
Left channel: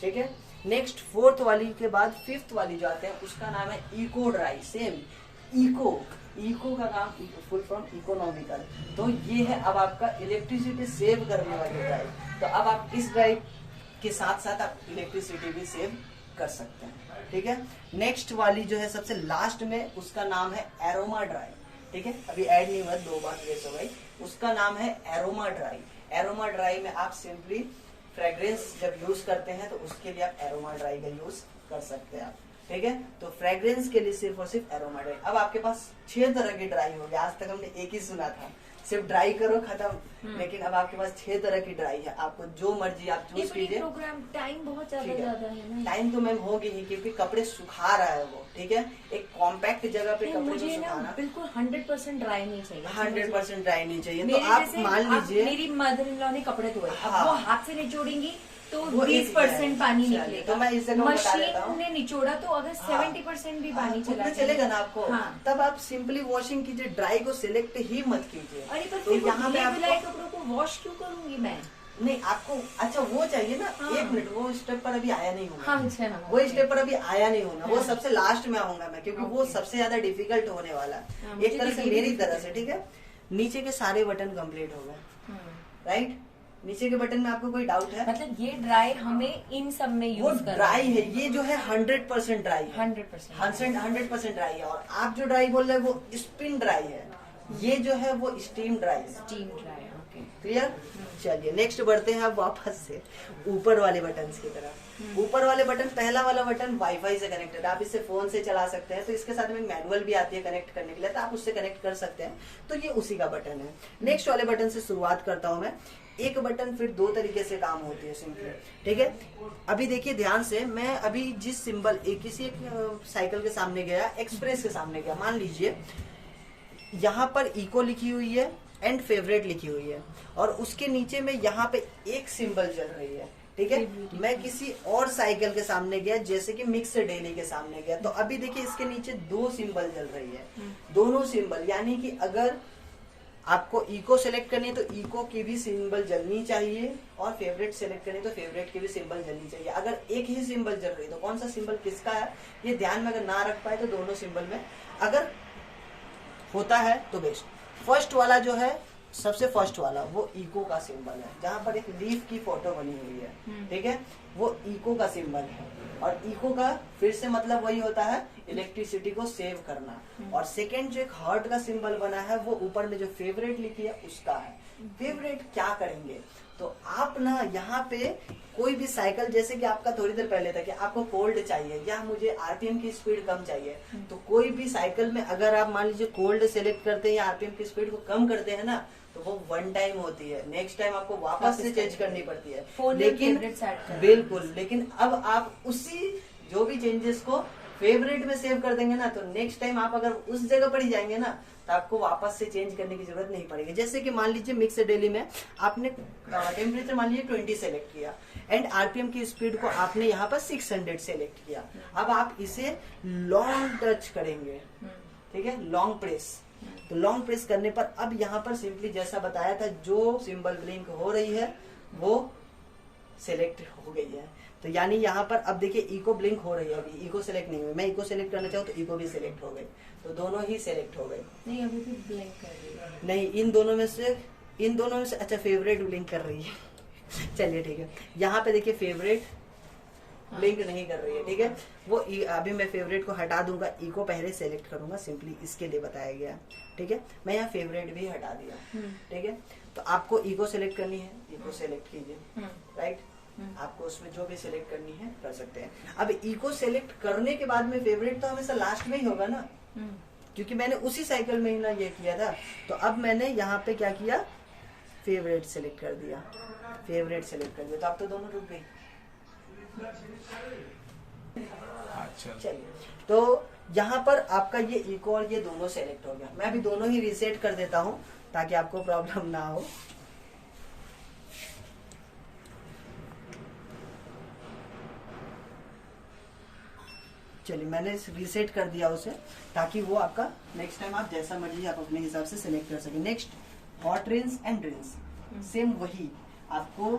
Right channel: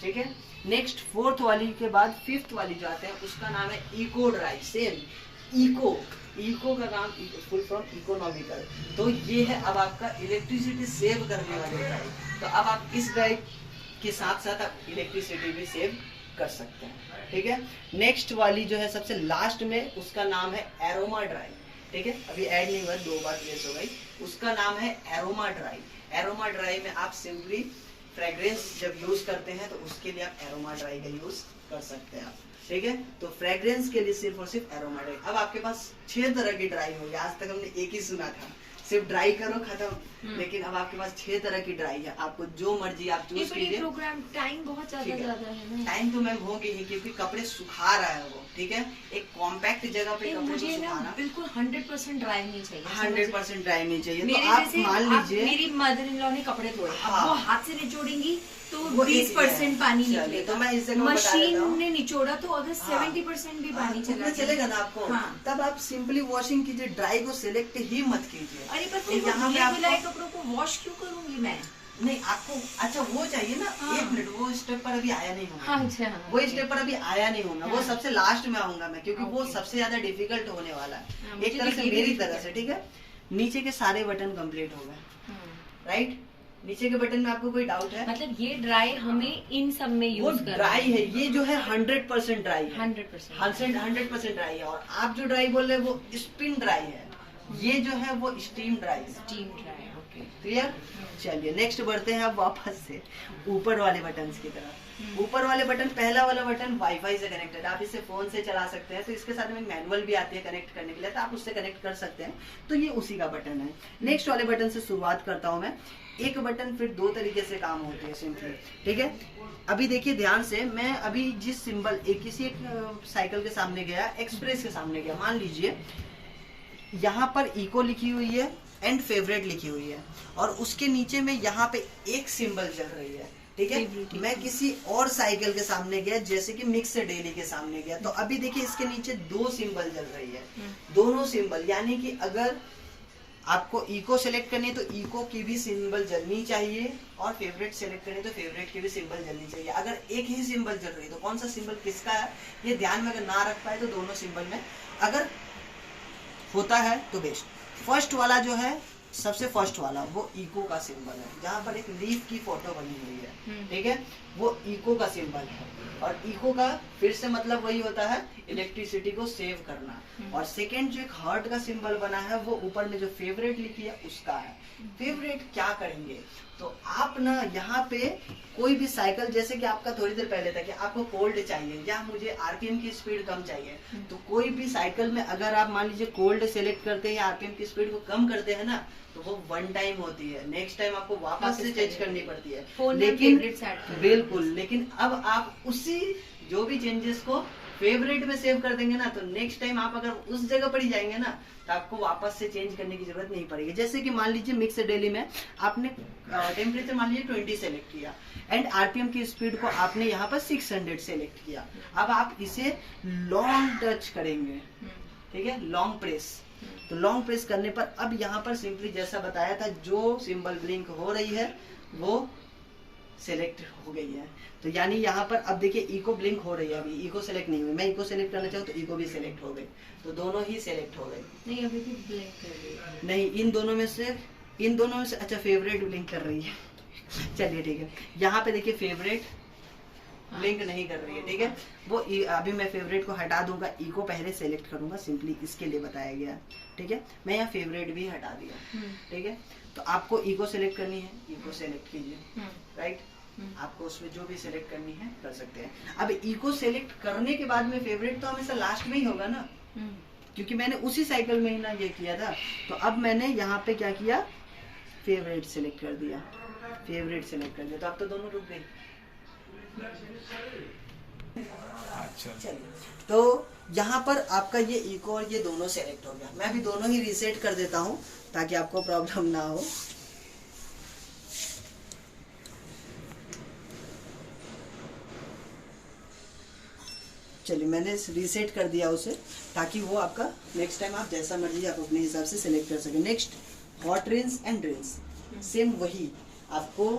ठीक है, नेक्स्ट फोर्थ वाली के बाद फिफ्थ वाली जो आते हैं उसका नाम है इको ड्राई। सेम इको का काम फुल फॉर्म इकोनॉमिकल। तो ये है अब आपका इलेक्ट्रिसिटी सेव करने वाले ड्राई। तो अब आप इस ड्राई के साथ साथ आप इलेक्ट्रिसिटी भी सेव कर सकते हैं, ठीक है। नेक्स्ट वाली जो है सबसे लास्ट में, उसका नाम है एरोमा ड्राई, ठीक है। अभी ऐड नहीं हुआ, 2 बार प्लेस हो गई। उसका नाम है एरोमा ड्राई। एरोमा ड्राई में आप सिंपली फ्रेग्रेंस जब यूज करते हैं तो उसके लिए आप एरोमा ड्राई का यूज कर सकते हैं आप, ठीक है। तो फ्रेग्रेंस के लिए सिर्फ और सिर्फ एरोमा ड्राई। अब आपके पास 6 तरह की ड्राई होंगे। आज तक हमने एक ही सुना था, सिर्फ ड्राई करो खत्म। लेकिन अब आपके पास 6 तरह की ड्राई है, आपको जो मर्जी आप चूज कीजिए। प्रोग्राम टाइम बहुत ज्यादा है ना। टाइम तो मैम होगी ही, क्योंकि कपड़े सुखा रहा है वो, ठीक है। एक कॉम्पैक्ट जगह पे कपड़े मुझे ना बिल्कुल 100% ड्राई नहीं चाहिए। 100% ड्राई नहीं चाहिए। मेरे तो आप मान लीजिए मेरी मदर इन लॉ ने कपड़े धोए, हाँ, वो हाथ से निचोड़ेंगी तो वो 20% पानी चलिए, निकलेगा। तो मैं इस जगह बता देता मशीन हूँ। ने निचोड़ा तो अगर 70% भी पानी उतना चला चलेगा ना आपको। हाँ। तब आप सिंपली वॉशिंग कीजिए, ड्राई को सिलेक्ट ही मत कीजिए। अरे पर तो यहाँ पे धुले आपको कपड़ों को वॉश क्यों करूंगी मैं? नहीं, आपको अच्छा वो चाहिए ना। हाँ। 1 मिनट, वो स्टेप पर अभी आया नहीं हूँ। हाँ, अच्छा, हाँ, वो स्टेप पर अभी आया नहीं हूँ मैं। वो हाँ। सबसे लास्ट में आऊंगा मैं, क्योंकि वो सबसे ज्यादा डिफिकल्ट होने वाला है। हाँ, एक तरह से मुझे मेरी भी तरह से, ठीक है। नीचे के सारे बटन कंप्लीट हो गए, हाँ। राइट। नीचे के बटन में आपको कोई डाउट है? मतलब ये ड्राई हमें इन सब में वो यूज करना ड्राई है, ये जो है 100% ड्राई है। 100% 100% ड्राई है। और आप जो ड्राई बोल रहे हैं वो स्पिन ड्राई है, ये जो है वो स्टीम ड्राई है। Steam dry, okay. क्लियर। चलिए नेक्स्ट बढ़ते हैं अब वापस से ऊपर वाले बटन की तरफ। ऊपर वाले बटन, पहला वाला बटन वाईफाई से कनेक्टेड, आप इसे फोन से चला सकते हैं। तो इसके साथ में मैनुअल भी आती है कनेक्ट करने के लिए, तो आप उससे कनेक्ट कर सकते हैं। तो ये उसी का बटन है। नेक्स्ट वाले बटन से शुरुआत करता हूं मैं। एक बटन फिर 2 तरीके से काम होते हैं सिंपली, ठीक है। अभी देखिए ध्यान से, मैं अभी जिस सिंबल किसी एक साइकिल के सामने गया, एक्सप्रेस के सामने गया, मान लीजिए यहाँ पर इको लिखी हुई है एंड फेवरेट लिखी हुई है, और उसके नीचे में यहाँ पे एक सिंबल चल रही है, ठीक है। मैं किसी और साइकिल के सामने गया, जैसे कि मिक्स डेली के सामने गया, तो अभी देखिए इसके नीचे 2 सिंबल चल रही है। दोनों सिंबल, यानी कि अगर आपको इको सेलेक्ट करनी है तो इको की भी सिंबल जलनी चाहिए, और फेवरेट सेलेक्ट करनी है तो फेवरेट की भी सिंबल जलनी चाहिए। अगर एक ही सिंबल जल रही है तो कौन सा सिंबल किसका है, ये ध्यान में अगर ना रख पाए तो दोनों सिंबल में अगर होता है तो बेस्ट। फर्स्ट वाला जो है, सबसे फर्स्ट वाला, वो इको का सिंबल है, जहाँ पर एक लीफ की फोटो बनी हुई है, ठीक है। वो इको का सिंबल है। और इको का फिर से मतलब वही होता है, इलेक्ट्रिसिटी को सेव करना। और सेकेंड जो एक हार्ट का सिंबल बना है, वो ऊपर में जो फेवरेट लिखी है उसका है। फेवरेट क्या करेंगे, तो आप ना यहाँ पे कोई भी साइकिल, जैसे कि आपका थोड़ी देर पहले था कि आपको कोल्ड चाहिए या मुझे आरपीएम की स्पीड कम चाहिए, तो कोई भी साइकिल में अगर आप मान लीजिए कोल्ड सेलेक्ट करते हैं या आरपीएम की स्पीड को कम करते हैं ना, तो वो 1 टाइम होती है। नेक्स्ट टाइम आपको वापस से चेंज करनी पड़ती है। लेकिन बिल्कुल, लेकिन अब आप उसी जो भी चेंजेस को फेवरेट में सेव कर देंगे ना, तो नेक्स्ट टाइम आप अगर उस जगह पर ही जाएंगे ना, तो आपको वापस से चेंज करने की जरूरत नहीं पड़ेगी। जैसे कि मान लीजिए मिक्स डेली में आपने टेम्परेचर मान लीजिए 20 सेलेक्ट किया एंड आरपीएम की स्पीड को आपने यहाँ पर 600 सेलेक्ट किया। अब आप इसे लॉन्ग टच करेंगे, ठीक है, लॉन्ग प्रेस। तो लॉन्ग प्रेस करने पर अब यहाँ पर सिंपली जैसा बताया था, जो सिंबल ब्लिंक हो रही है वो सिलेक्ट हो गई है। तो यानी यहाँ पर अब देखिए इको ब्लिंक हो रही है, अभी इको सेलेक्ट नहीं हुई। मैं इको सेलेक्ट करना चाहूँ तो इको भी सिलेक्ट हो गई, तो दोनों ही सिलेक्ट हो गए। नहीं, अभी भी ब्लिंक कर रही है। नहीं, इन दोनों में से अच्छा फेवरेट ब्लिंक कर रही है। चलिए ठीक है, यहाँ पे देखिए फेवरेट ब्लिंक नहीं कर रही है, ठीक है। वो अभी मैं फेवरेट को हटा दूंगा, इको पहले सेलेक्ट करूंगा, सिंपली इसके लिए बताया गया, ठीक है। मैं यहाँ फेवरेट भी हटा दिया, ठीक है। तो आपको इको सेलेक्ट करनी है, इको सेलेक्ट कीजिए, राइट। आपको उसमें जो भी सिलेक्ट करनी है कर सकते हैं। अब इको सेलेक्ट करने के बाद में फेवरेट तो हमेशा लास्ट में ही होगा ना, क्योंकि मैंने उसी साइकिल में ही ना ये किया था। तो अब मैंने यहाँ पे क्या किया, फेवरेट सेलेक्ट कर दिया, फेवरेट सेलेक्ट कर दिया, तो अब तो दोनों रुक गई। अच्छा, चलिए, तो यहाँ पर आपका ये इको और ये दोनों सेलेक्ट हो गया। मैं अभी दोनों ही रीसेट कर देता हूँ ताकि आपको प्रॉब्लम ना हो। चलिए, मैंने रीसेट कर दिया उसे, ताकि वो आपका नेक्स्ट टाइम आप जैसा मर्जी आप अपने हिसाब से सिलेक्ट कर सके। Next hot rinse and rinse, same वही आपको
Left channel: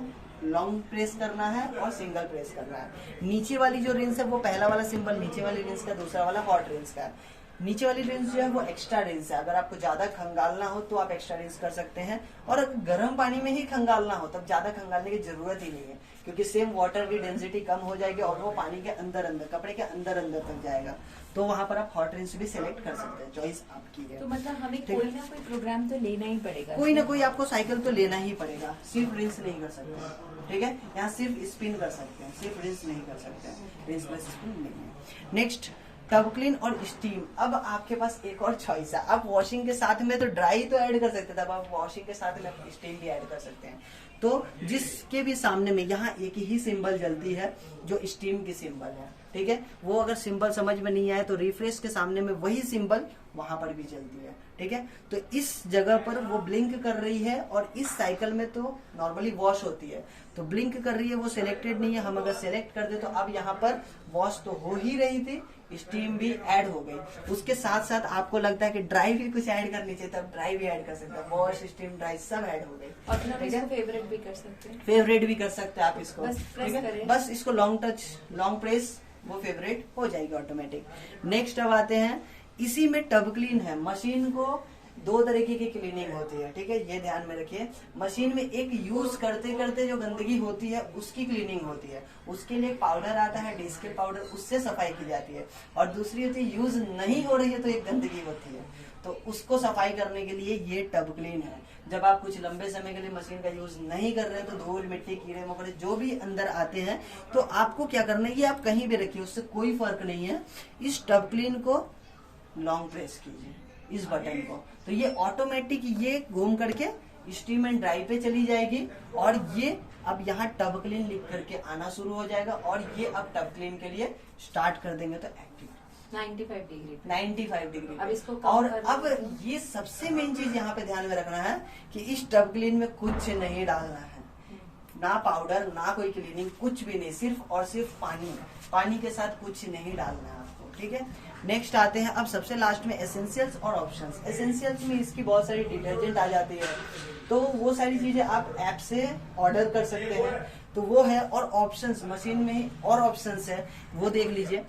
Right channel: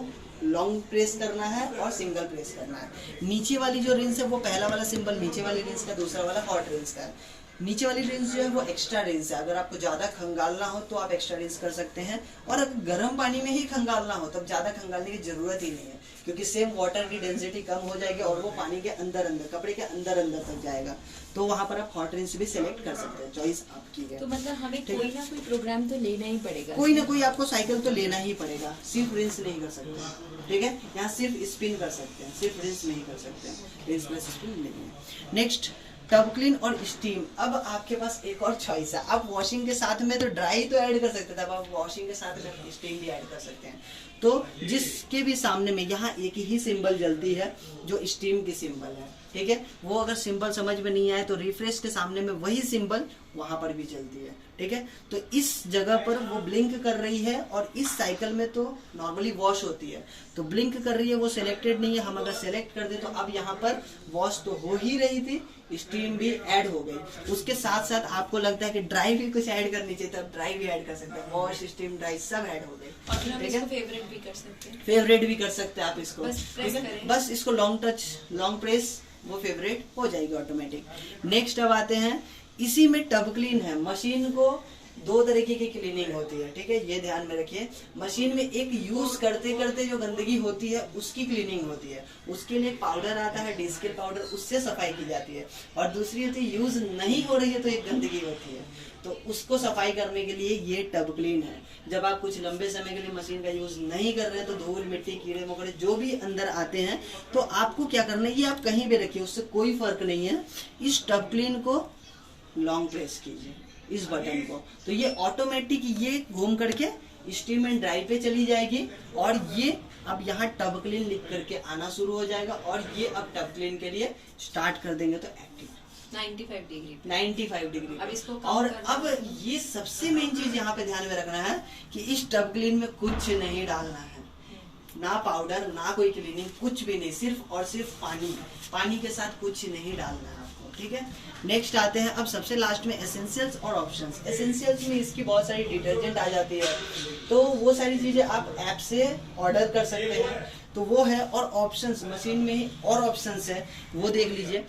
लॉन्ग प्रेस करना है और सिंगल प्रेस करना है। नीचे वाली जो रिंस है वो पहला वाला सिंबल नीचे वाली रिंस का, दूसरा वाला हॉट रिंस का है। नीचे वाली रिंस जो है वो एक्स्ट्रा रिंस है, अगर आपको ज्यादा खंगालना हो तो आप एक्स्ट्रा रिंस कर सकते हैं, और अगर गर्म पानी में ही खंगालना हो तब ज्यादा खंगालने की जरूरत ही नहीं है, क्योंकि सेम वाटर की डेंसिटी कम हो जाएगी और वो पानी के अंदर अंदर कपड़े के अंदर अंदर तक जाएगा। तो वहां पर आप हॉट रिंस भी सिलेक्ट कर सकते हैं, चॉइस आपकी है। तो मतलब हमें कोई ना कोई प्रोग्राम तो लेना ही पड़ेगा, कोई ना कोई आपको साइकिल तो लेना ही पड़ेगा, सिर्फ रिंस नहीं कर सकते, ठीक है। यहाँ सिर्फ स्पिन कर सकते हैं, सिर्फ रिंस नहीं कर सकते हैं, रिंस प्लस स्पिन नहीं है। नेक्स्ट टब क्लीन और स्टीम। अब आपके पास एक और चॉइस है, आप वॉशिंग के साथ में तो ड्राई तो ऐड कर सकते थे, अब आप वॉशिंग के साथ में स्टीम भी ऐड कर सकते हैं। तो जिसके भी सामने में यहाँ एक ही सिंबल जलती है जो स्टीम की सिंबल है, ठीक है। वो अगर सिंबल समझ में नहीं आया तो रिफ्रेश के सामने में वही सिंबल वहां पर भी चलती है, ठीक है। तो इस जगह पर वो ब्लिंक कर रही है, और इस साइकिल में तो नॉर्मली वॉश होती है, तो ब्लिंक कर रही है, वो सिलेक्टेड नहीं है। हम अगर सिलेक्ट कर दे तो अब यहाँ पर वॉश तो हो ही रही थी, स्टीम भी ऐड हो गई। उसके साथ साथ आपको लगता है कि ड्राई भी कुछ ऐड करनी चाहिए, तब ड्राई भी ऐड कर सकते हैं, वॉश स्टीम ड्राई सब ऐड हो गई। और फिर हम इसको फेवरेट भी कर सकते हैं, फेवरेट भी कर सकते हैं आप इसको, बस प्रेस ठीक है। करें। बस इसको लॉन्ग टच लॉन्ग प्रेस, वो फेवरेट हो जाएगी ऑटोमेटिक। नेक्स्ट अब आते हैं, इसी में टब क्लीन है। मशीन को दो तरीके की क्लीनिंग होती है, ठीक है, ये ध्यान में रखिए। मशीन में एक यूज करते करते जो गंदगी होती है उसकी क्लीनिंग होती है, उसके लिए पाउडर आता है डिस्किल पाउडर, उससे सफाई की जाती है। और दूसरी होती है यूज नहीं हो रही है तो एक गंदगी होती है, तो उसको सफाई करने के लिए ये टब क्लीन है। जब आप कुछ लंबे समय के लिए मशीन का यूज नहीं कर रहे हैं तो धूल मिट्टी कीड़े मकोड़े जो भी अंदर आते हैं, तो आपको क्या करना है, ये आप कहीं भी रखिए, उससे कोई फर्क नहीं है। इस टब क्लीन को लॉन्ग प्रेस कीजिए, इस बटन को, तो ये ऑटोमेटिक ये घूम करके स्टीम एंड ड्राई पे चली जाएगी, और ये अब यहाँ टब क्लीन लिख करके आना शुरू हो जाएगा, और ये अब टब क्लीन के लिए स्टार्ट कर देंगे तो एक्टिव 95 डिग्री 95 डिग्री। अब इसको और अब ये सबसे मेन चीज यहाँ पे ध्यान में रखना है कि इस टब क्लीन में कुछ नहीं डालना है, ना पाउडर ना कोई क्लीनिंग, कुछ भी नहीं, सिर्फ और सिर्फ पानी, पानी के साथ कुछ नहीं डालना है आपको, ठीक है। नेक्स्ट आते हैं अब सबसे लास्ट में एसेंशियल्स और ऑप्शंस। एसेंशियल्स में इसकी बहुत सारी डिटर्जेंट आ जाती है, तो वो सारी चीजें आप ऐप से ऑर्डर कर सकते हैं, तो वो है। और ऑप्शंस, मशीन में ही और ऑप्शंस है, वो देख लीजिए।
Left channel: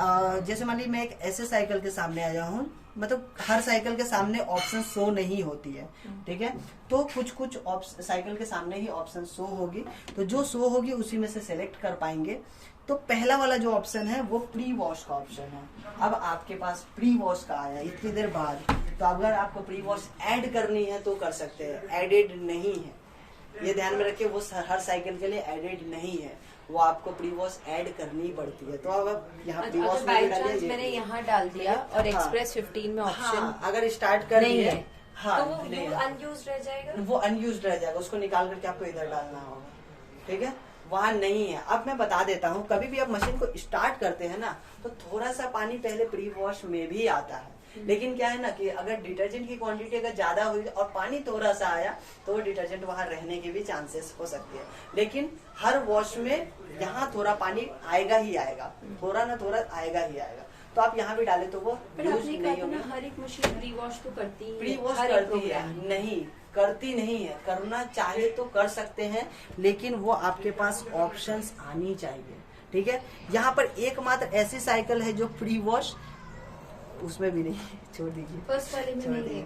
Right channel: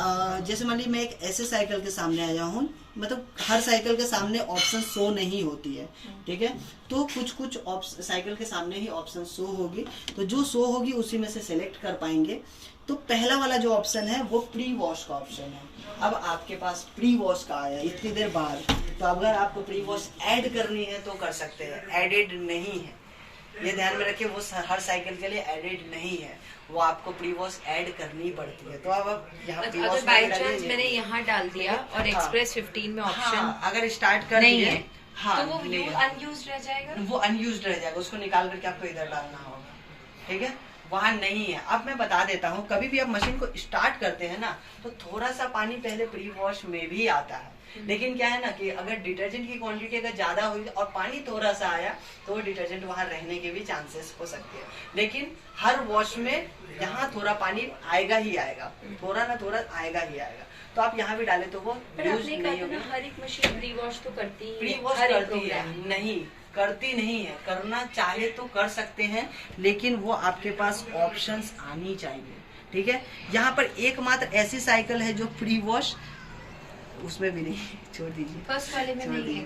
जैसे मान लीजिए मैं एक ऐसे साइकिल के सामने आया हूँ, मतलब हर साइकिल के सामने ऑप्शन शो नहीं होती है, ठीक है, तो कुछ कुछ साइकिल के सामने ही ऑप्शन शो होगी, तो जो शो होगी उसी में से सिलेक्ट कर पाएंगे। तो पहला वाला जो ऑप्शन है वो प्री वॉश का ऑप्शन है। अब आपके पास प्री वॉश का आया इतनी देर बाद, तो अगर आपको प्री वॉश ऐड करनी है तो कर सकते हैं, एडेड नहीं है, ये ध्यान में रखिए। वो हर साइकिल के लिए एडेड नहीं है, वो आपको प्री वॉश ऐड करनी पड़ती है। तो अब यहाँ प्री वॉश मैंने यहाँ डाल दिया और एक्सप्रेस 15 में ऑप्शन अगर स्टार्ट कर नहीं दिए, है, हाँ, तो वो अनयूज्ड रह जाएगा, वो अनयूज्ड रह जाएगा, उसको निकाल करके आपको इधर डालना होगा, ठीक है, वहाँ नहीं है। अब मैं बता देता हूँ, कभी भी आप मशीन को स्टार्ट करते हैं ना, तो थोड़ा सा पानी पहले प्री वॉश में भी आता है, लेकिन क्या है ना कि अगर डिटर्जेंट की क्वांटिटी अगर ज्यादा हुई और पानी थोड़ा सा आया तो वो डिटर्जेंट वहाँ रहने के भी चांसेस हो सकते हैं। लेकिन हर वॉश में यहाँ थोड़ा पानी आएगा ही आएगा, थोड़ा ना थोड़ा आएगा ही आएगा, तो आप यहाँ भी डाले तो वो यूज नहीं होगा। हर एक मशीन प्री वॉश तो करती है, प्री वॉश करती है नहीं, करती नहीं है, करना चाहे तो कर सकते हैं, लेकिन वो आपके पास ऑप्शंस आनी चाहिए, ठीक है। यहाँ पर एकमात्र ऐसी साइकिल है जो प्री वॉश, उसमें भी नहीं, छोड़ दीजिए, फर्स्ट वाले में नहीं है,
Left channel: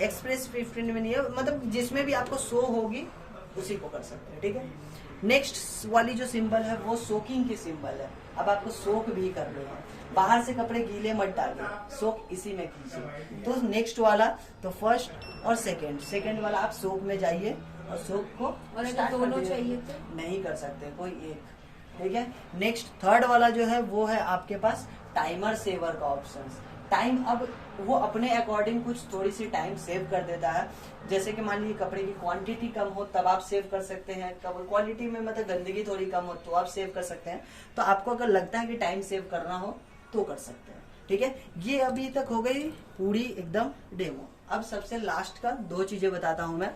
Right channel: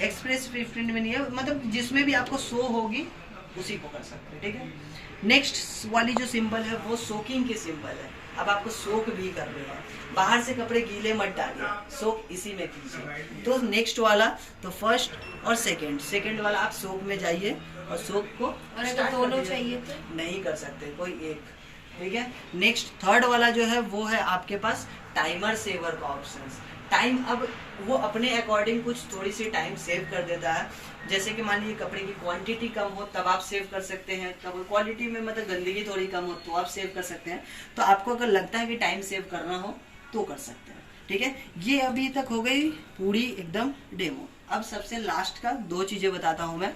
एक्सप्रेस 15 में नहीं है, मतलब जिसमें भी आपको शो होगी उसी को कर सकते हैं, ठीक है। नेक्स्ट वाली जो सिंबल है वो सोकिंग की सिंबल है। अब आपको सोक भी करनी है, बाहर से कपड़े गीले मत डालिए, सोक इसी में कीजिए। तो नेक्स्ट वाला, तो फर्स्ट और सेकंड वाला आप सोक में जाइए और सोक को, और अगर दोनों चाहिए तो नहीं कर सकते, कोई एक, ठीक है। नेक्स्ट थर्ड वाला जो है वो है आपके पास टाइमर सेवर का ऑप्शन। टाइम अब वो अपने अकॉर्डिंग कुछ थोड़ी सी टाइम सेव कर देता है, जैसे कि मान लीजिए कपड़े की क्वांटिटी कम हो तब आप सेव कर सकते हैं, तब क्वालिटी में मतलब गंदगी थोड़ी कम हो तो आप सेव कर सकते हैं। तो आपको अगर लगता है कि टाइम सेव करना हो तो कर सकते हैं, ठीक है। ये अभी तक हो गई पूरी एकदम डेमो। अब सबसे लास्ट का दो चीजें बताता हूँ मैं।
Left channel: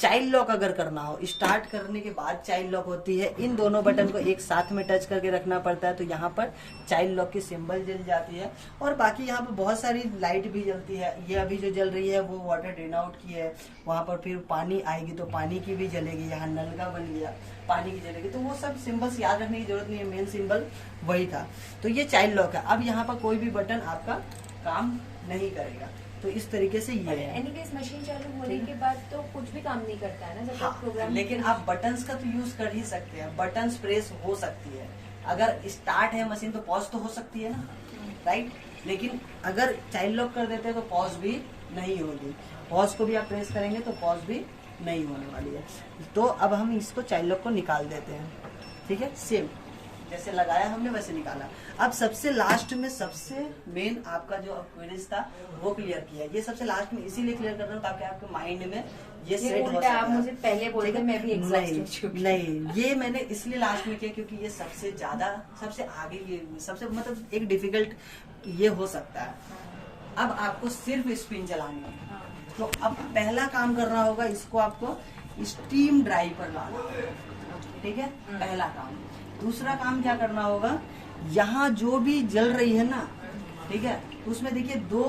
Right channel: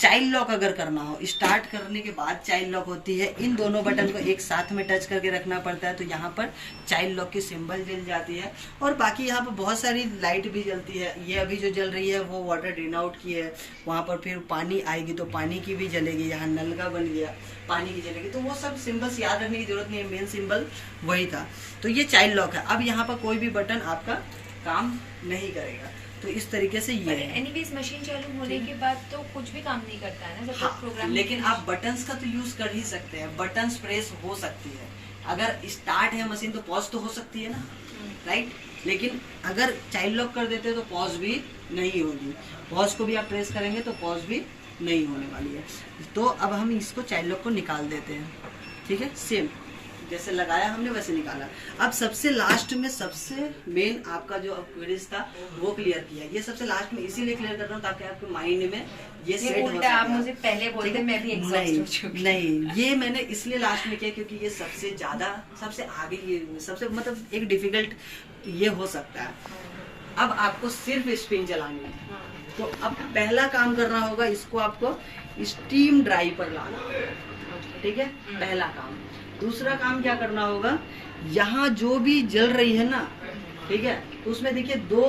चाइल्ड लॉक अगर करना हो, स्टार्ट करने के बाद चाइल्ड लॉक होती है, इन दोनों बटन को एक साथ में टच करके रखना पड़ता है, तो यहाँ पर चाइल्ड लॉक की सिंबल जल जाती है। और बाकी यहाँ पर बहुत सारी लाइट भी जलती है। ये अभी जो जल रही है वो वाटर ड्रेन आउट की है, वहाँ पर फिर पानी आएगी तो पानी की भी जलेगी, यहाँ नल का बन गया पानी की जलेगी, तो वो सब सिंबल्स याद रखने की जरूरत नहीं है, मेन सिंबल वही था। तो ये चाइल्ड लॉक है। अब यहाँ पर कोई भी बटन आपका काम नहीं करेगा, तो इस तरीके से ये है। एनीवेज मशीन चालू होने के बाद तो कुछ भी काम नहीं करता है ना, जब हाँ, तक प्रोग्राम। लेकिन आप बटन्स का तो यूज कर ही सकते हैं, बटन्स प्रेस हो सकती है। अगर स्टार्ट है मशीन तो पॉज तो हो सकती है ना, राइट। लेकिन अगर चाइल्ड लॉक कर देते हैं तो पॉज भी नहीं होगी, पॉज को भी आप प्रेस करेंगे तो पॉज भी नहीं होने वाली है। तो अब हम इसको चाइल्ड लॉक को निकाल देते हैं, ठीक है। सेम जैसे लगाया हमने वैसे निकाला। अब सबसे लास्ट में सबसे मेन आपका जो क्वेरीज था वो क्लियर किया। ये सबसे लास्ट में इसीलिए क्लियर कर रहा हूँ ताकि आपके माइंड में ये सेट हो सके। आप मुझे पहले बोलते, मैं भी एग्जॉस्ट हो चुकी। नहीं, ये मैंने इसलिए लास्ट में किया क्योंकि ये सबसे ज्यादा, सबसे आगे, ये सबसे मतलब एक डिफिकल्ट ये हो सकता है। अब आपको सिर्फ स्पिन चलानी है, तो अब पहला काम करना होगा, इसको आपको स्टीम ड्राई पर लाना होगा, ठीक है, पहला काम। दूसरा काम क्या करना होगा, यहाँ जो भी जल रही है ना, ठीक है, तो उसमें देखिए 2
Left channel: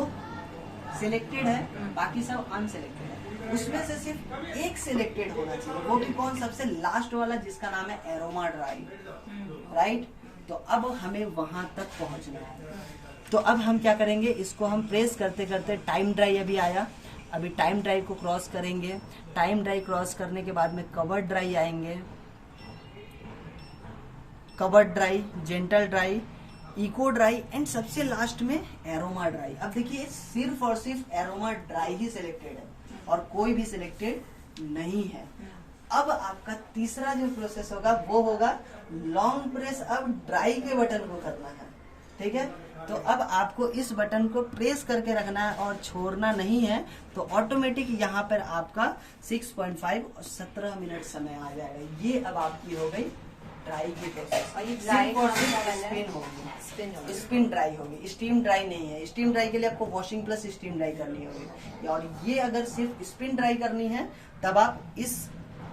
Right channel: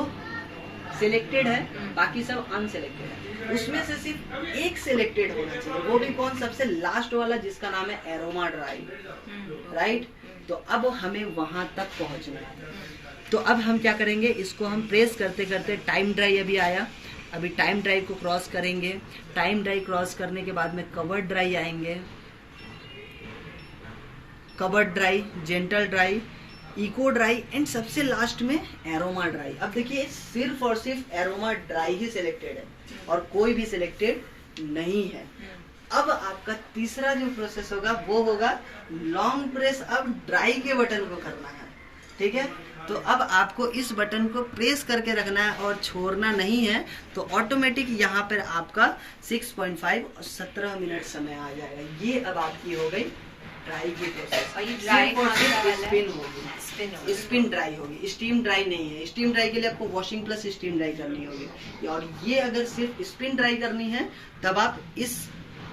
सिलेक्टेड है, बाकी सब अनसिलेक्टेड है, उसमें से सिर्फ एक सिलेक्टेड होना चाहिए, वो भी कौन, सबसे लास्ट वाला जिसका नाम है एरोमा ड्राई, राइट। तो अब हमें वहां तक पहुंचना है। तो अब हम क्या करेंगे, इसको हम प्रेस करते करते, टाइम ड्राई अभी आया, अभी टाइम ड्राई को क्रॉस करेंगे। टाइम ड्राई क्रॉस करने के बाद में कवर्ड ड्राई आएंगे, covered dry, gentle dry, eco dry and सबसे लास्ट में एरोमा ड्राई। अब देखिए सिर्फ और सिर्फ एरोमा ड्राई ही सिलेक्टेड है और कोई भी सिलेक्टेड नहीं है। अब आपका तीसरा जो प्रोसेस होगा वो होगा लॉन्ग प्रेस, अब ड्राई के बटन को करना है, ठीक है। तो अब आपको इस बटन को प्रेस करके रखना है और छोड़ना नहीं है, तो ऑटोमेटिक यहाँ पर आपका 6.5 और 17 मिनट समय आ जाएगा। ये अब आपकी हो गई ड्राई की प्रोसेस। और ये ड्राई स्पिन होगी, स्पिन ड्राई होगी, स्टीम ड्राई नहीं है। स्टीम ड्राई के लिए आपको वॉशिंग प्लस स्टीम ड्राई करनी होगी, और ये अगर सिर्फ स्पिन ड्राई करनी है तब आप इस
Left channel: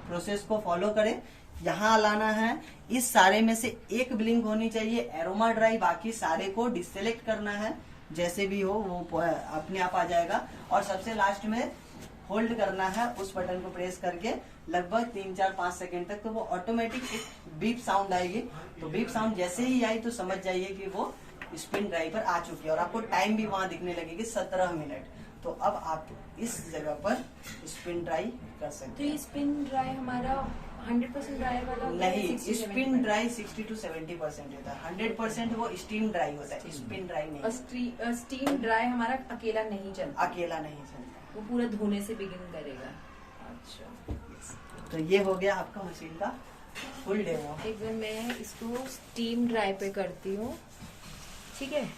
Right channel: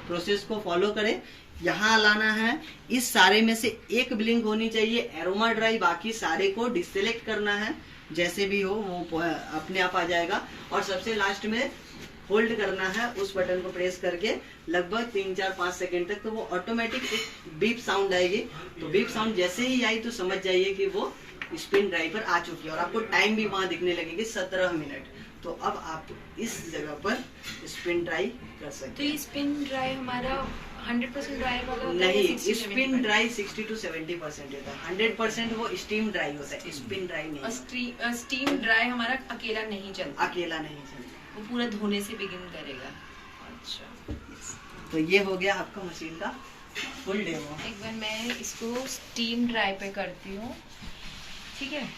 प्रोसेस को फॉलो करें। यहाँ लाना है, इस सारे में से एक ब्लिंक होनी चाहिए एरोमा ड्राई, बाकी सारे को डिसेलेक्ट करना है, जैसे भी हो वो अपने आप आ जाएगा। और सबसे लास्ट में होल्ड करना है उस बटन को प्रेस करके लगभग 3-4-5 सेकंड तक, तो वो ऑटोमेटिक एक बीप साउंड आएगी। तो बीप साउंड जैसे ही आई तो समझ जाइए कि वो स्पिन ड्राई पर आ चुकी है, और आपको टाइम भी वहां दिखने लगेगी 17 मिनट। तो अब आप इस जगह पर स्पिन ड्राई कर सकते हैं। तो ये स्पिन ड्राई हमारा 100% ड्राई वाला नहीं, स्पिन ड्राई 60 to 70% होता है, 100% वो स्टीम ड्राई होता है, स्पिन ड्राई नहीं। और स्टीम ड्राई हमारा अकेला नहीं चलता, अकेला नहीं चलता, वो पूरा धोने से बिगिन करेगा। अच्छा, तो ये हो गया आपका मशीन का फुल डेमो। एक बार मैं इसको स्टीम ड्राई पे करती हूँ, ठीक है।